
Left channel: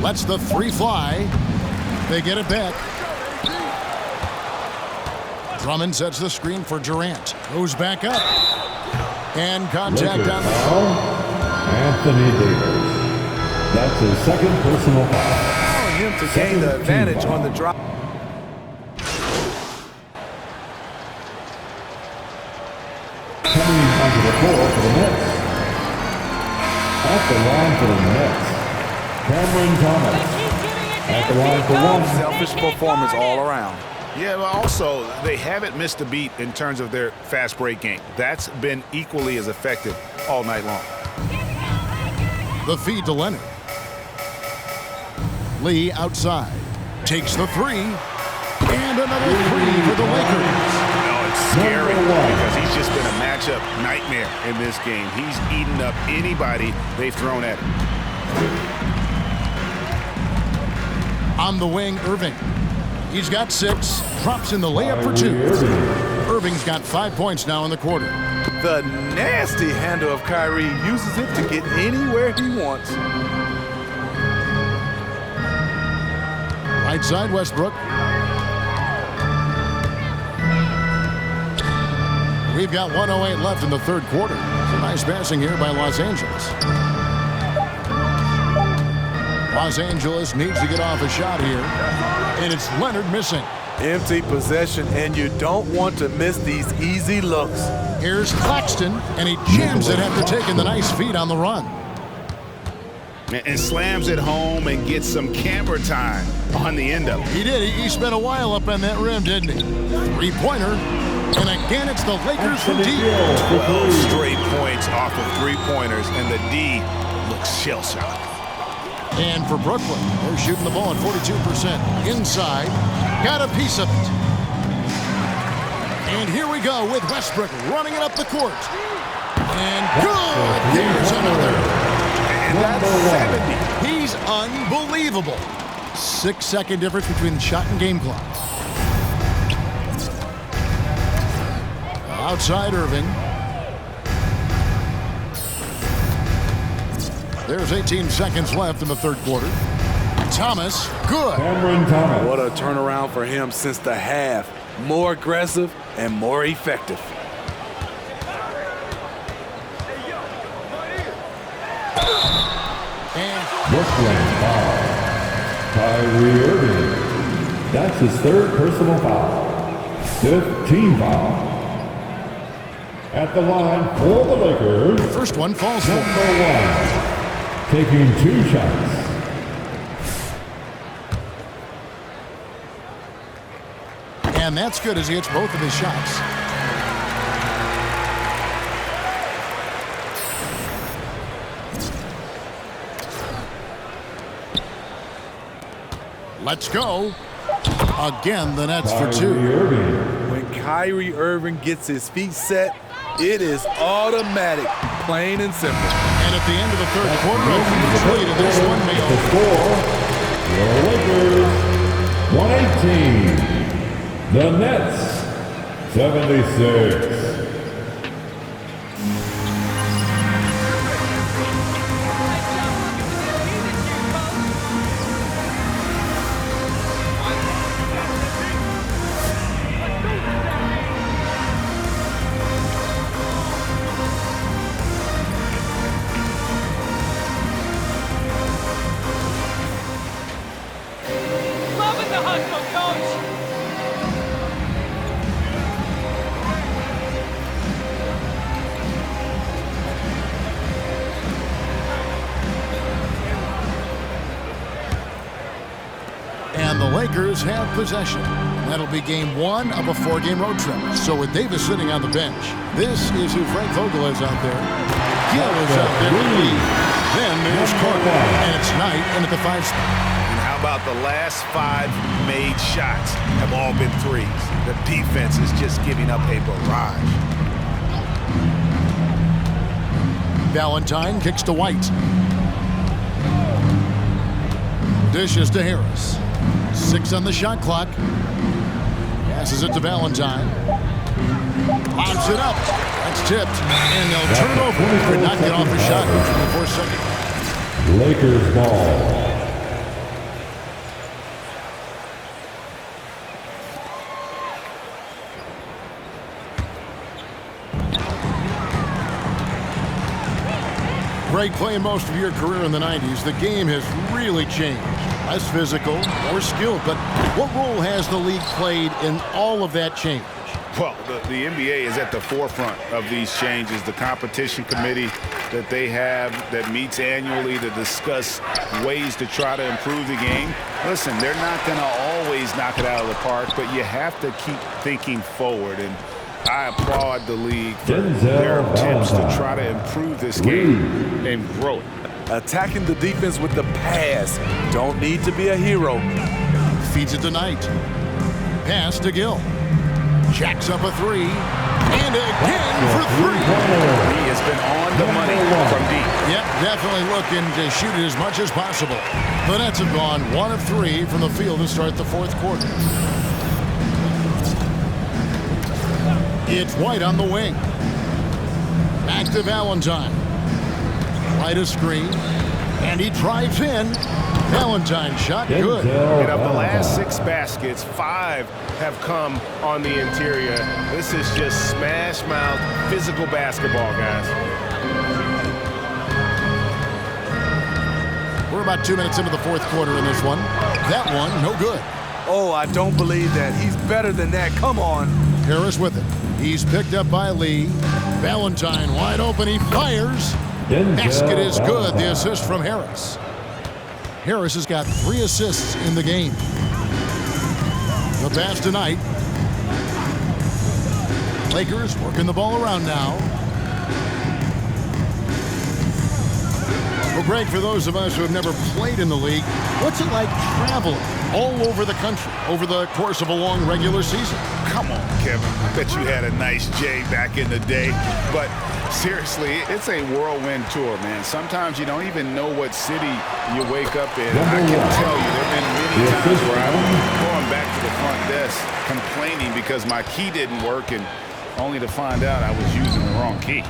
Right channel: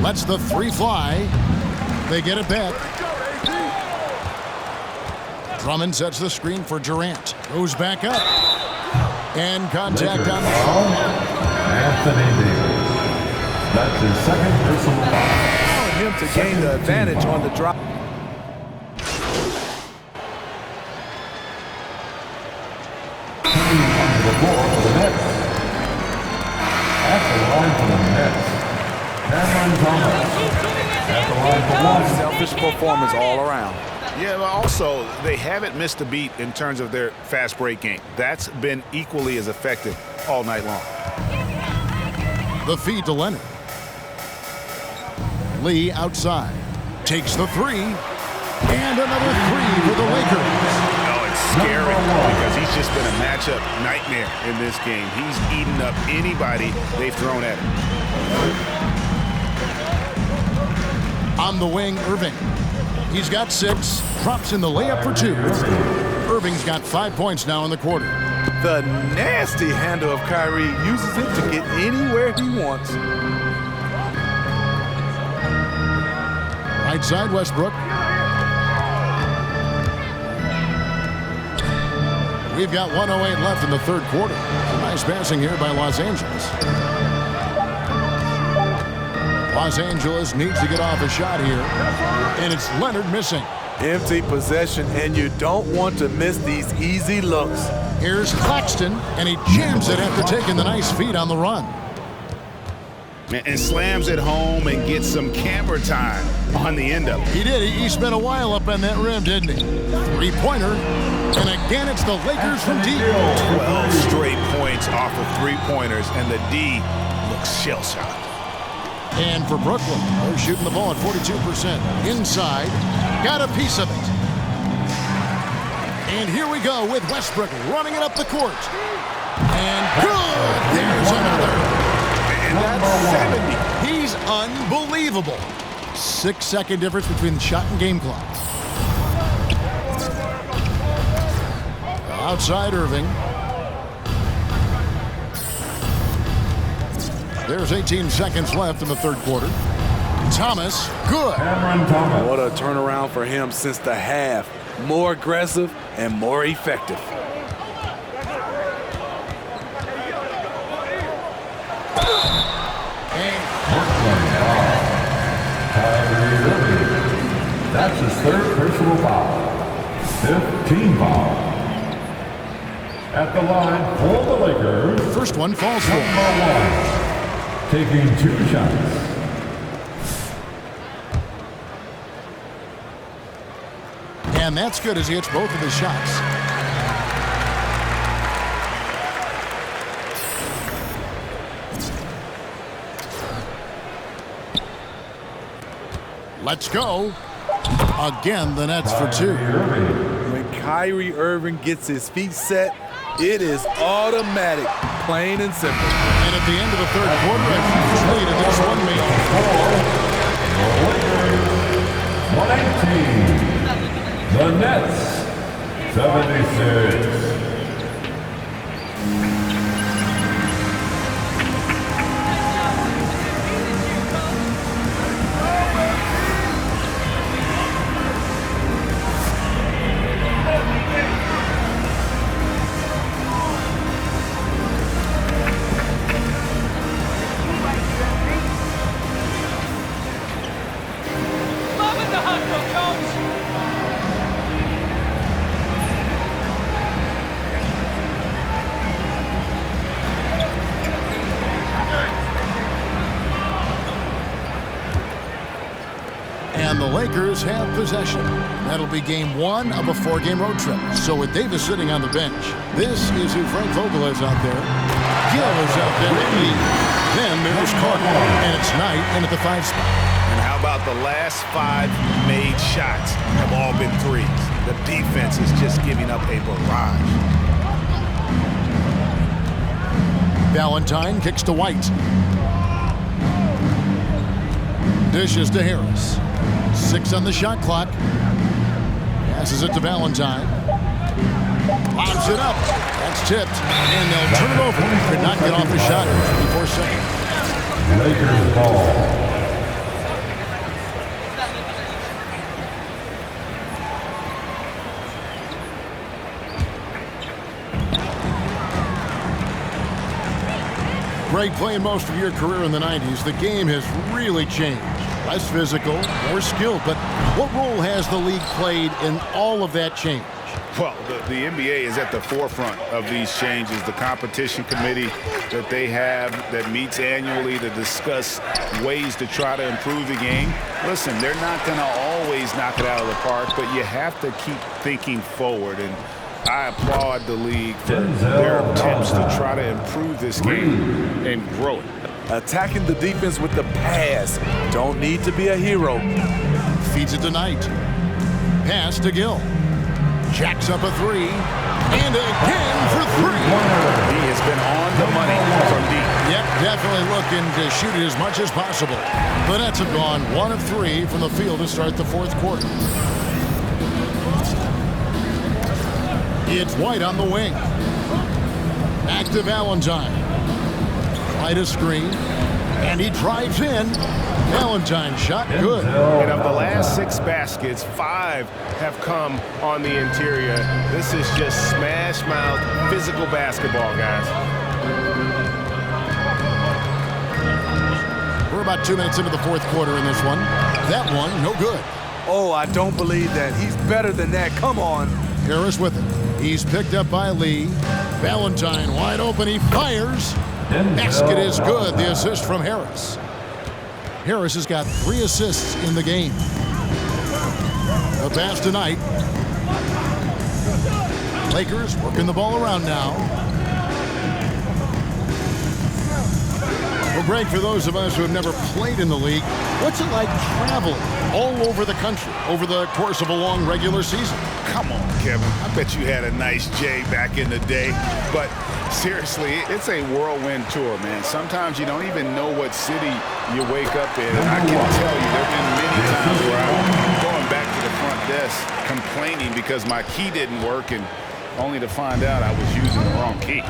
Lets the three fly. They get it back. Drummond sets the screen for Durant. Goes back up. And contact on the shot. Anthony Davis. That's his second personal foul. Allowing him to gain the advantage on the drop. Coming onto the floor for the Nets. At the line for the Nets, Cameron Thomas. At the line for one. Selfish performance all around. Yeah, but also, they haven't missed a beat in terms of their fast break game. That's been equally as effective all night long. The feed to Leonard. Lee outside. Takes the three. And another three for the Lakers. No, it's scary because he's just been a matchup nightmare in this game. He's eaten up anybody they've thrown at him. On the wing, Irving. He's got 6. Drops in the layup for 2. Irving's got 5 points now in the quarter. The nasty handle of Kyrie uses it to get anywhere he wants. Right side, Westbrook. We've got 1:08 left in the third quarter. Some nice passing here by Los Angeles. Los Angeles needs to get off a shot here. And it's Leonard missing. Empty possession, and you don't want to miss these easy looks. Here's Claxton, and he jams it after taking the nice feed on the run. And slams it home and gets some camera time on the end of it. He did. He spent a while up on that rim, didn't he? Three-pointer. And again, it's the Lakers from deep. 12 straight points off of three-pointers, and the D looks shell-shocked. And for Brooklyn, they're shooting the ball at 42%. Inside, got a piece of it. And here we go with Westbrook running it up the court. And good! There's another. And that's 70. He's unbelievable. 6-second difference between the shot and game clock. Outside Irving. There's 18 seconds left in the third quarter. Thomas, good. Cameron Thomas. What a turnaround for him since the half. More aggressive and more effective. And Brooklyn foul. Kyrie Irving. That's his third personal foul. 5th team foul. At the line for the Lakers. first one falls for. Number 1. Taking 2 shots. And that's good as he hits both of his shots. Let's go. Again, the Nets for 2. When Kyrie Irving gets his feet set, it is automatic, plain and simple. And at the end of the third quarter, a huge lead in this one may The Lakers, 118. The Nets, 76. Loving the hustle, coach. And the Lakers have possession. That'll be game one of a 4-game road trip. So with Davis sitting on the bench, this is who Frank Vogel is out there. Gill is out there with Lee. Then there's Carter, and it's Knight in at the 5 spot. And how about the last 5 made shots have all been threes? The defense is just giving up a barrage. Valentine kicks to White. Dishes to Harris. 6 on the shot clock. Passes it to Valentine. Lobs it up. That's tipped. And they'll turn it over. Could not get off a shot in 24 seconds. Lakers ball. Greg, playing most of your career in the 90s, the game has really changed. Less physical, more skilled, but what role has the league played in all of that change? Well, the NBA is at the forefront of these changes. The competition committee that they have that meets annually to discuss ways to try to improve the game. Listen, they're not going to always knock it out of the park, but you have to keep thinking forward. And I applaud the league for their attempts to try to improve this game and grow it. Attacking the defense with the pass. Don't need to be a hero. Feeds it to Knight. Pass to Gill. Jacks up a 3. And again for 3. He has been on the money from deep. Yep, definitely looking to shoot it as much as possible. The Nets have gone 1 of 3 from the field to start the 4th quarter. It's White on the wing. Back to Valentine. White a screen. And he drives in. Valentine shot good. And of the last 6 baskets, 5 have come on the interior. This is just smash mouth physical basketball, guys. We're about 2 minutes into the 4th quarter in this one. That one, no good. Oh, I don't believe that. He's better than that. Come on. Harris with it. He's picked up by Lee. Valentine wide open. He fires. Basket is good. The assist from Harris. Harris has got 3 assists in the game. The pass tonight. Lakers working the ball around now. Well, Greg, for those of us who have never played in the league, what's it like traveling all over the country over the course of a long regular season? Come on, Kevin. I bet you had a nice J back in the day. But seriously, it's a whirlwind tour, man. Sometimes you don't even know what city you wake up in. And I can tell you there have been many times where I'm going back to the front desk complaining because my key didn't work, and only to find out I was using the wrong key.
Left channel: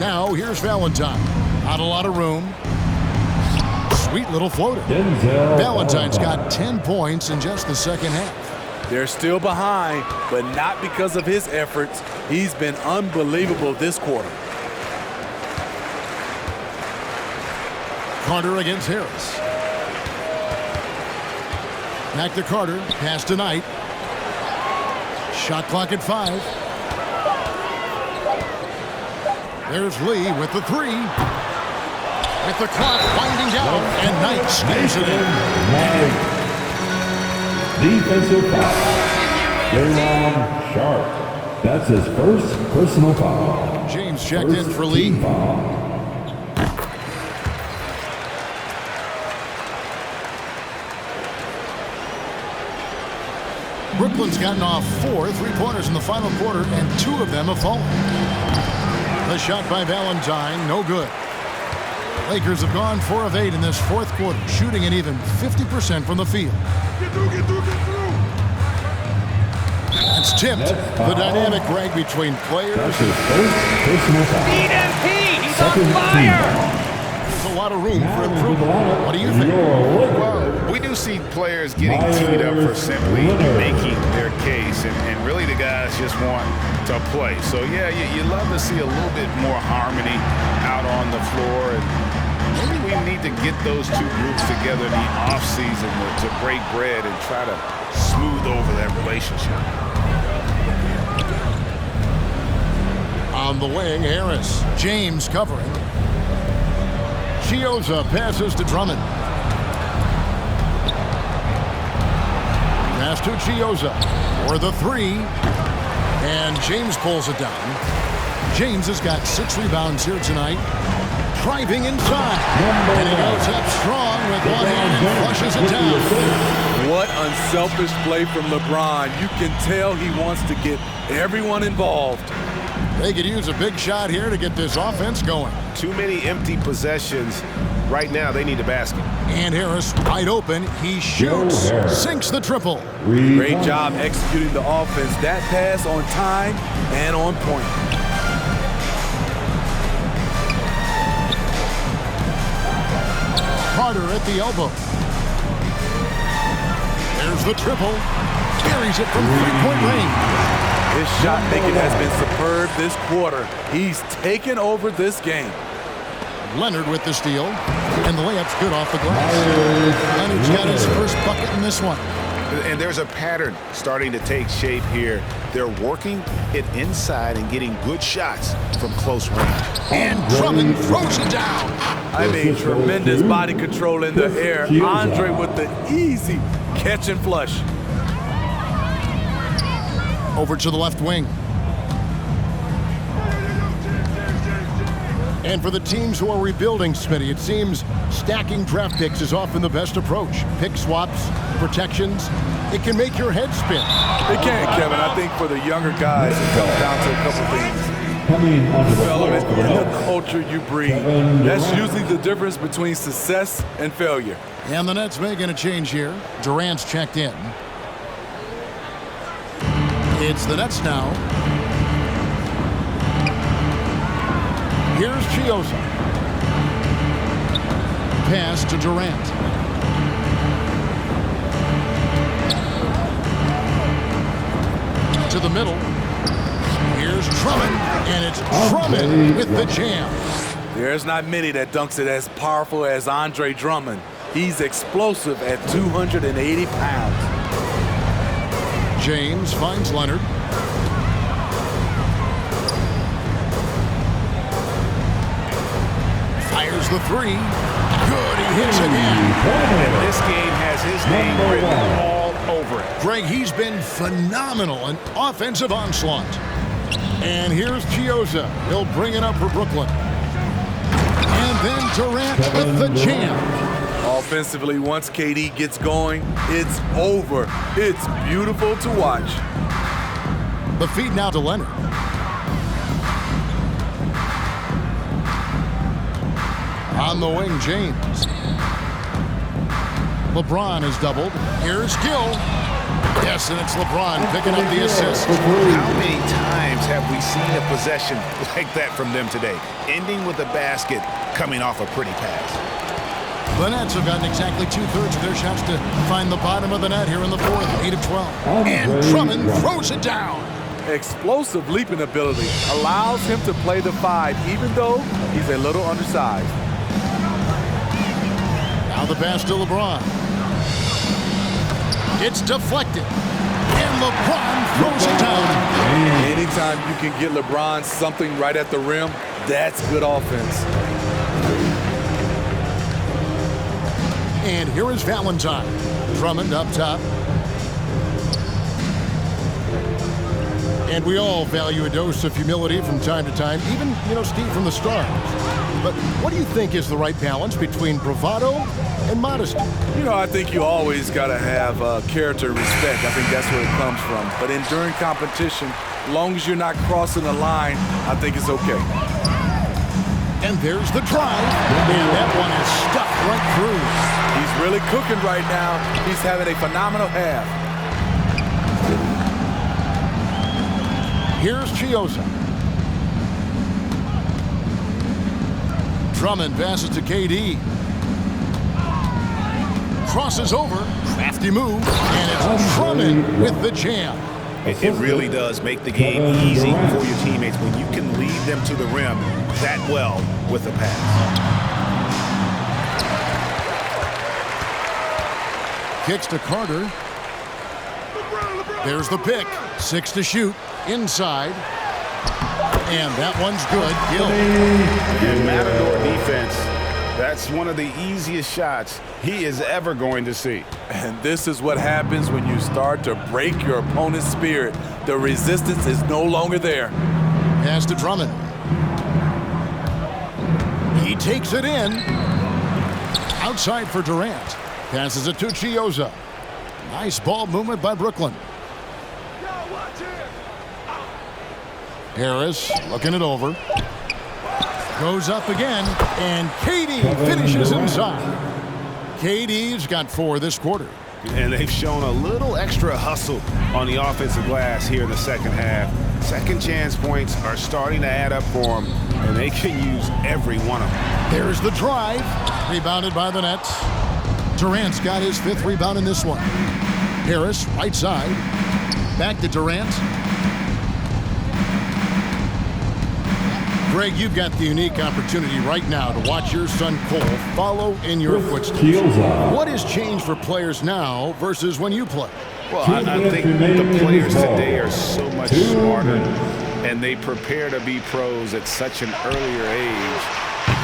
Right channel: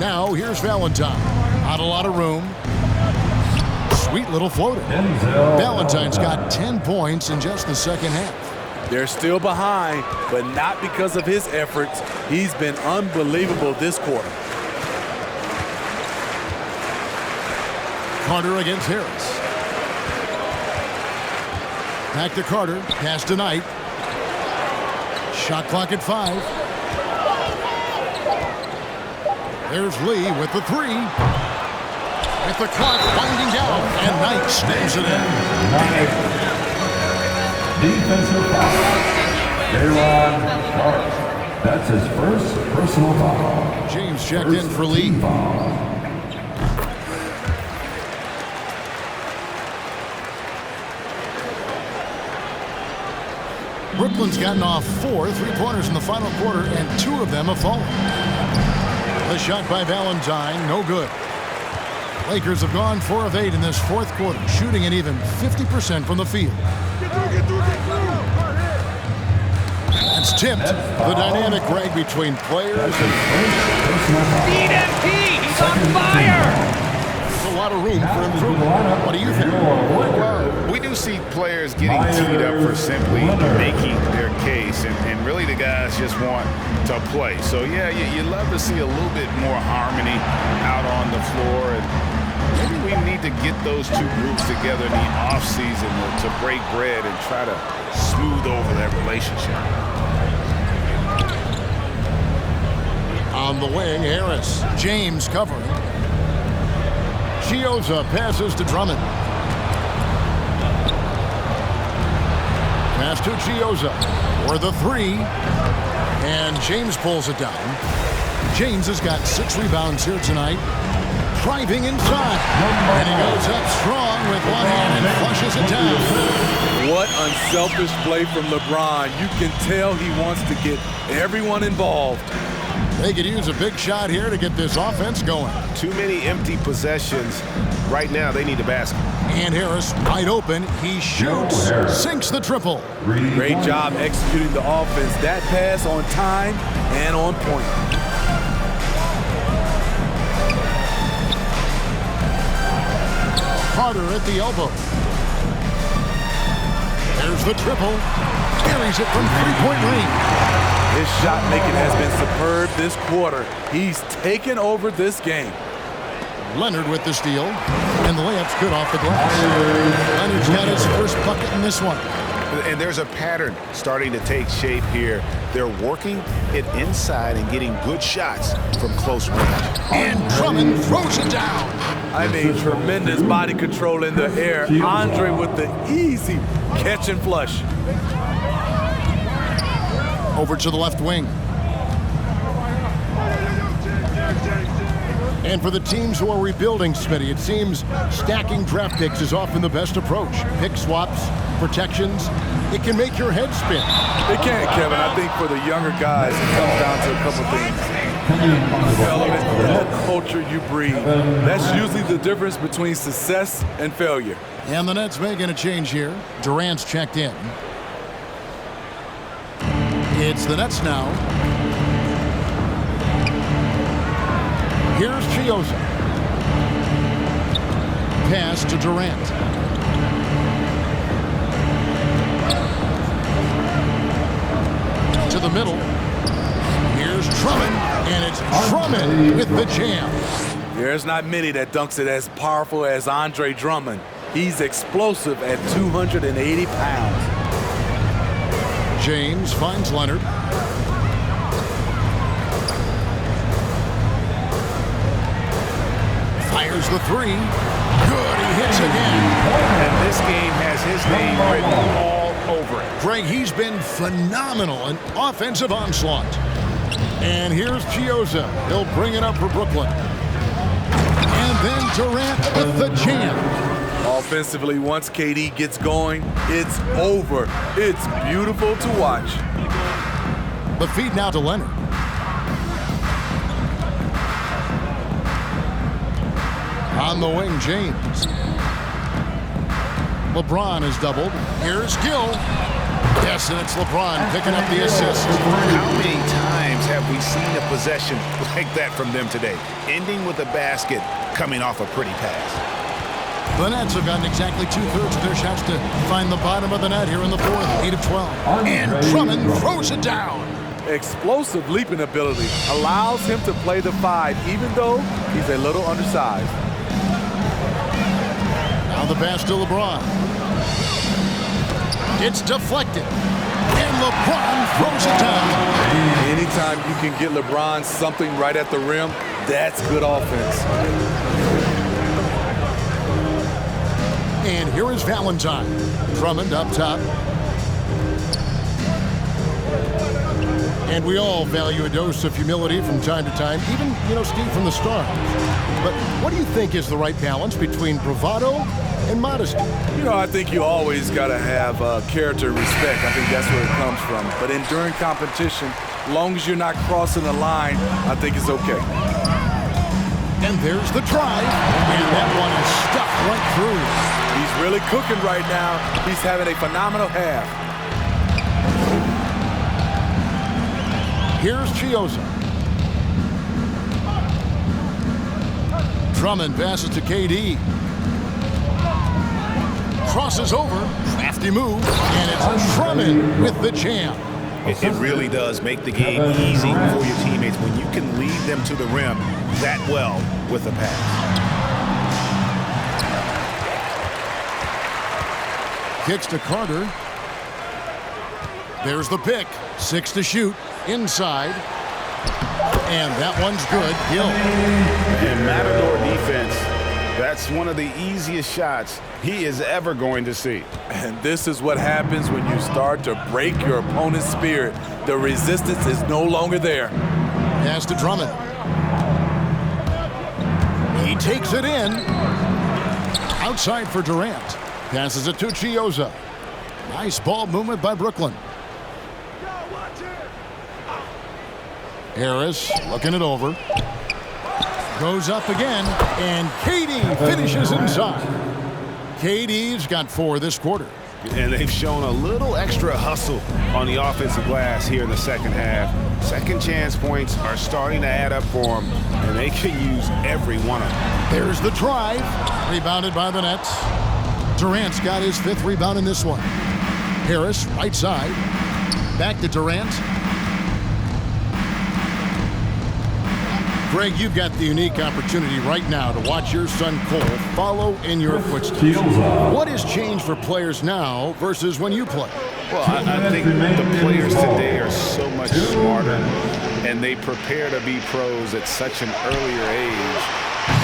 Now here's Valentine. Not a lot of room. Sweet little floater. Valentine's got 10 points in just the second half. They're still behind, but not because of his efforts. He's been unbelievable this quarter. Carter against Harris. Back to Carter. Pass to Knight. Shot clock at 5. There's Lee with the 3. With the clock winding down, and Knight stays it in. Defensive foul. J-Ron Sharp. That's his first personal foul. James checked in for Lee. Brooklyn's gotten off 4 3-pointers in the final quarter, and 2 of them have fallen. The shot by Valentine, no good. Lakers have gone 4 of 8 in this fourth quarter, shooting an even 50% from the field. Get through. That's tipped. The dynamic rag between players. That's his first personal foul. Beat MP. He's on Second fire. team foul. There's a lot of room Now for into the improvement. lineup, What do you think? your Lakers. Well, we do see players getting teed up for simply Leonard. making their case, and really the guys just want to play. So, yeah, you love to see a little bit more harmony out on the floor, and maybe we need to get those two groups together in the offseason to break bread and try to smooth over that relationship. On the wing, Harris. James covering. Chioza passes to Drummond. Pass to Chioza for the 3. And James pulls it down. James has got 6 rebounds here tonight. Driving inside. And he goes up strong with one hand and flushes it down. What unselfish play from LeBron. You can tell he wants to get everyone involved. They could use a big shot here to get this offense going. Too many empty possessions. Right now, they need a basket. And Harris wide open. He shoots. Sinks the triple. Great job executing the offense. That pass on time and on point. Carter at the elbow. There's the triple. Carries it from three-point range. His shot making has been superb this quarter. He's taken over this game. Leonard with the steal. And the layup's good off the glass. Leonard's got his first bucket in this one. And there's a pattern starting to take shape here. They're working it inside and getting good shots from close range. And Drummond throws it down. I mean, tremendous body control in the air. Andre with the easy catch and flush. Over to the left wing. And for the teams who are rebuilding, Smitty, it seems stacking draft picks is often the best approach. Pick swaps, protections, it can make your head spin. It can, Kevin. I think for the younger guys, it comes down to a couple things. Coming onto the Development floor for the and the Nets. culture you breed. That's usually the difference between success and failure. And the Nets making a change here. Durant's checked in. It's the Nets now. Here's Chioza. Pass to Durant. To the middle. Here's Drummond, and it's Drummond with the jam. There's not many that dunks it as powerful as Andre Drummond. He's explosive at 280 pounds. James finds Leonard. Fires the 3. Good, he hits again. And this game has his name written all over it. Greg, he's been phenomenal. An offensive onslaught. And here's Chioza. He'll bring it up for Brooklyn. And then Durant with the jam. Offensively, once KD gets going, it's over. It's beautiful to watch. The feed now to Leonard. On the wing, James. LeBron is doubled. Here's Gill. Yes, and it's LeBron picking up the assist. How many times have we seen a possession like that from them today? Ending with a basket, coming off a pretty pass. The Nets have gotten exactly 2/3 of their shots to find the bottom of the net here in the fourth, 8 of 12. And Drummond throws it down. Explosive leaping ability allows him to play the 5, even though he's a little undersized. Now the pass to LeBron. It's deflected. And LeBron throws it down. Anytime you can get LeBron something right at the rim, that's good offense. And here is Valentine. Drummond up top. And we all value a dose of humility from time to time, even, Steve, from the stars. But what do you think is the right balance between bravado and modesty? I think you always got to have character and respect. I think that's where it comes from. But during competition, as long as you're not crossing the line, I think it's okay. And there's the drive. And that one is stuffed right through. He's really cooking right now. He's having a phenomenal half. Here's Chiozza. Drummond passes to KD. Crosses over. Crafty move. And it's Drummond with the jam. It really does make the game easy for your teammates when you can lead them to the rim that well with a pass. Kicks to Carter. There's the pick. 6 to shoot. Inside. And that one's good. Gill. And Matador defense, that's one of the easiest shots he is ever going to see. And this is what happens when you start to break your opponent's spirit. The resistance is no longer there. Pass to Drummond. He takes it in. Outside for Durant. Passes it to Chiozza. Nice ball movement by Brooklyn. Harris looking it over. Goes up again, and KD finishes inside. KD's got 4 this quarter. And they've shown a little extra hustle on the offensive glass here in the second half. Second chance points are starting to add up for them, and they can use every one of them. There's the drive. Rebounded by the Nets. Durant's got his 5th rebound in this one. Harris, right side. Back to Durant. Greg, you've got the unique opportunity right now to watch your son Cole follow in your footsteps. What has changed for players now versus when you play? Well, I think the players today are so much smarter, and they prepare to be pros at such an earlier age.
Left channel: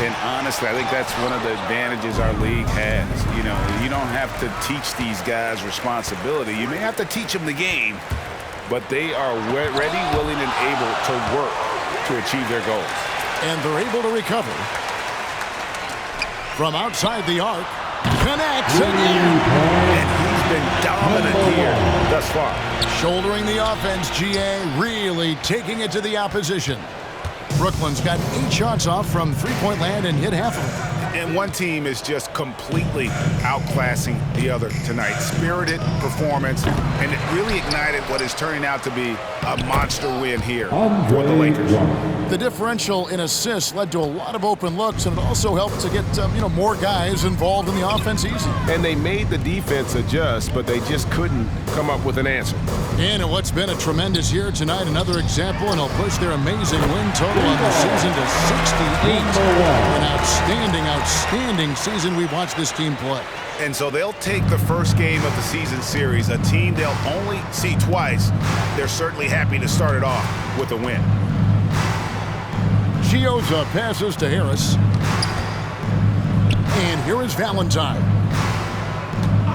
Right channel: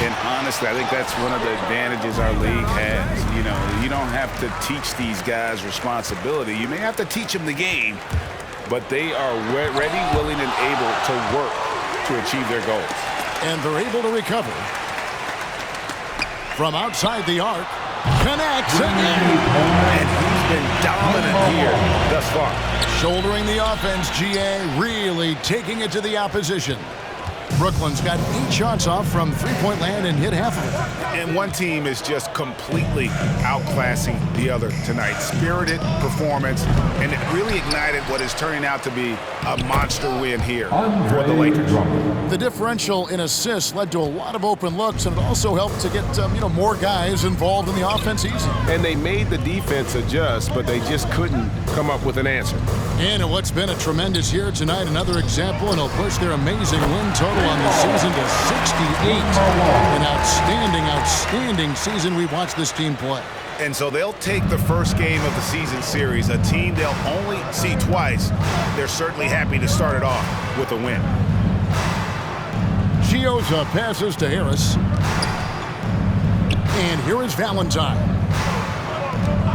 And honestly, I think that's one of the advantages our league has. You know, you don't have to teach these guys responsibility. You may have to teach them the game, but they are ready, willing, and able to work to achieve their goals. And they're able to recover. From outside the arc, connects again. And he's been dominant here thus far. Shouldering the offense, GA really taking it to the opposition. Brooklyn's got 8 shots off from three-point land and hit half of it. And one team is just completely outclassing the other tonight. Spirited performance, and it really ignited what is turning out to be a monster win here for the Lakers. The differential in assists led to a lot of open looks, and it also helped to get more guys involved in the offense easy. And they made the defense adjust, but they just couldn't come up with an answer. And in what's been a tremendous year tonight, another example, and they'll push their amazing win total on the season to 68. An outstanding, outstanding season we've watched this team play. And so they'll take the first game of the season series, a team they'll only see twice. They're certainly happy to start it off with a win. Chiozza passes to Harris. And here is Valentine.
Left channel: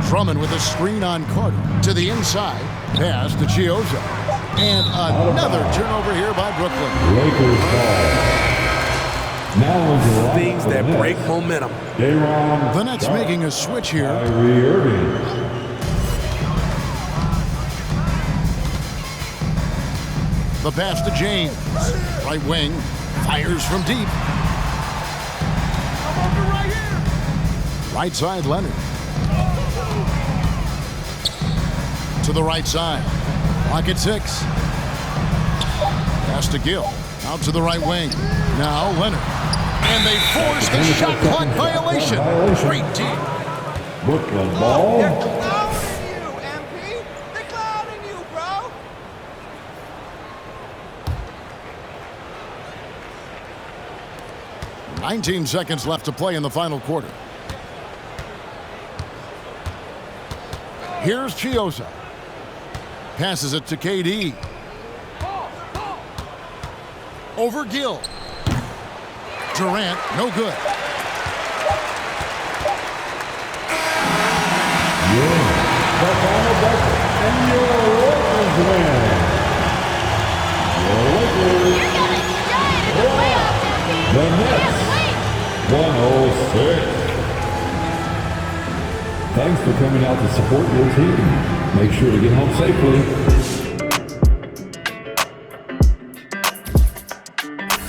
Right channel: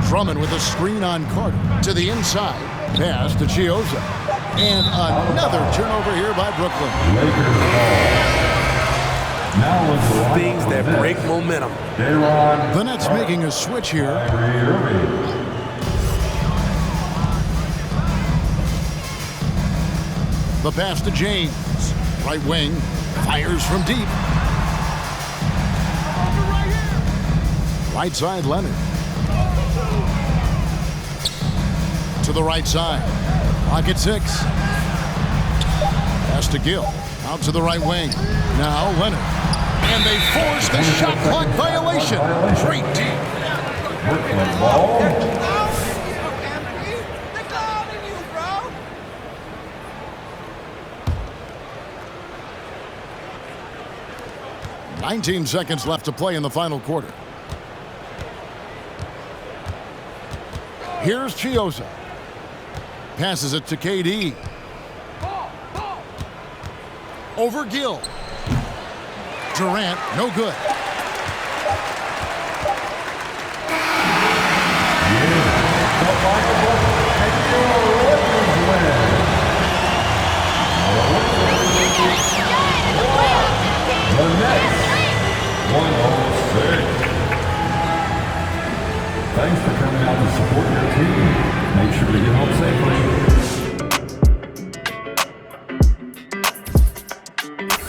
Drummond with a screen on Carter. To the inside. Pass to Chiozza. And another turnover here by Brooklyn. Lakers ball. Now Things that break momentum. The Nets making a switch here. Kyrie Irving. The pass to James. Right wing. Fires from deep. Right side, Leonard. To the right side. Clock at 6. Pass to Gill. Out to the right wing. Now Leonard. And they force the shot clock violation. Great team. Brooklyn ball. They're clowning you, MP. They're clowning you, bro. "19 seconds left to play in the final quarter. Here's Chiozza. Passes it to KD. Over Gill. Durant, no good. The final buzzer, and your Lakers win. Your Lakers. You're gonna shine in the playoffs, MP. The Nets. Can't wait. 106. Thanks for coming out to support your team. Make sure to get home safely.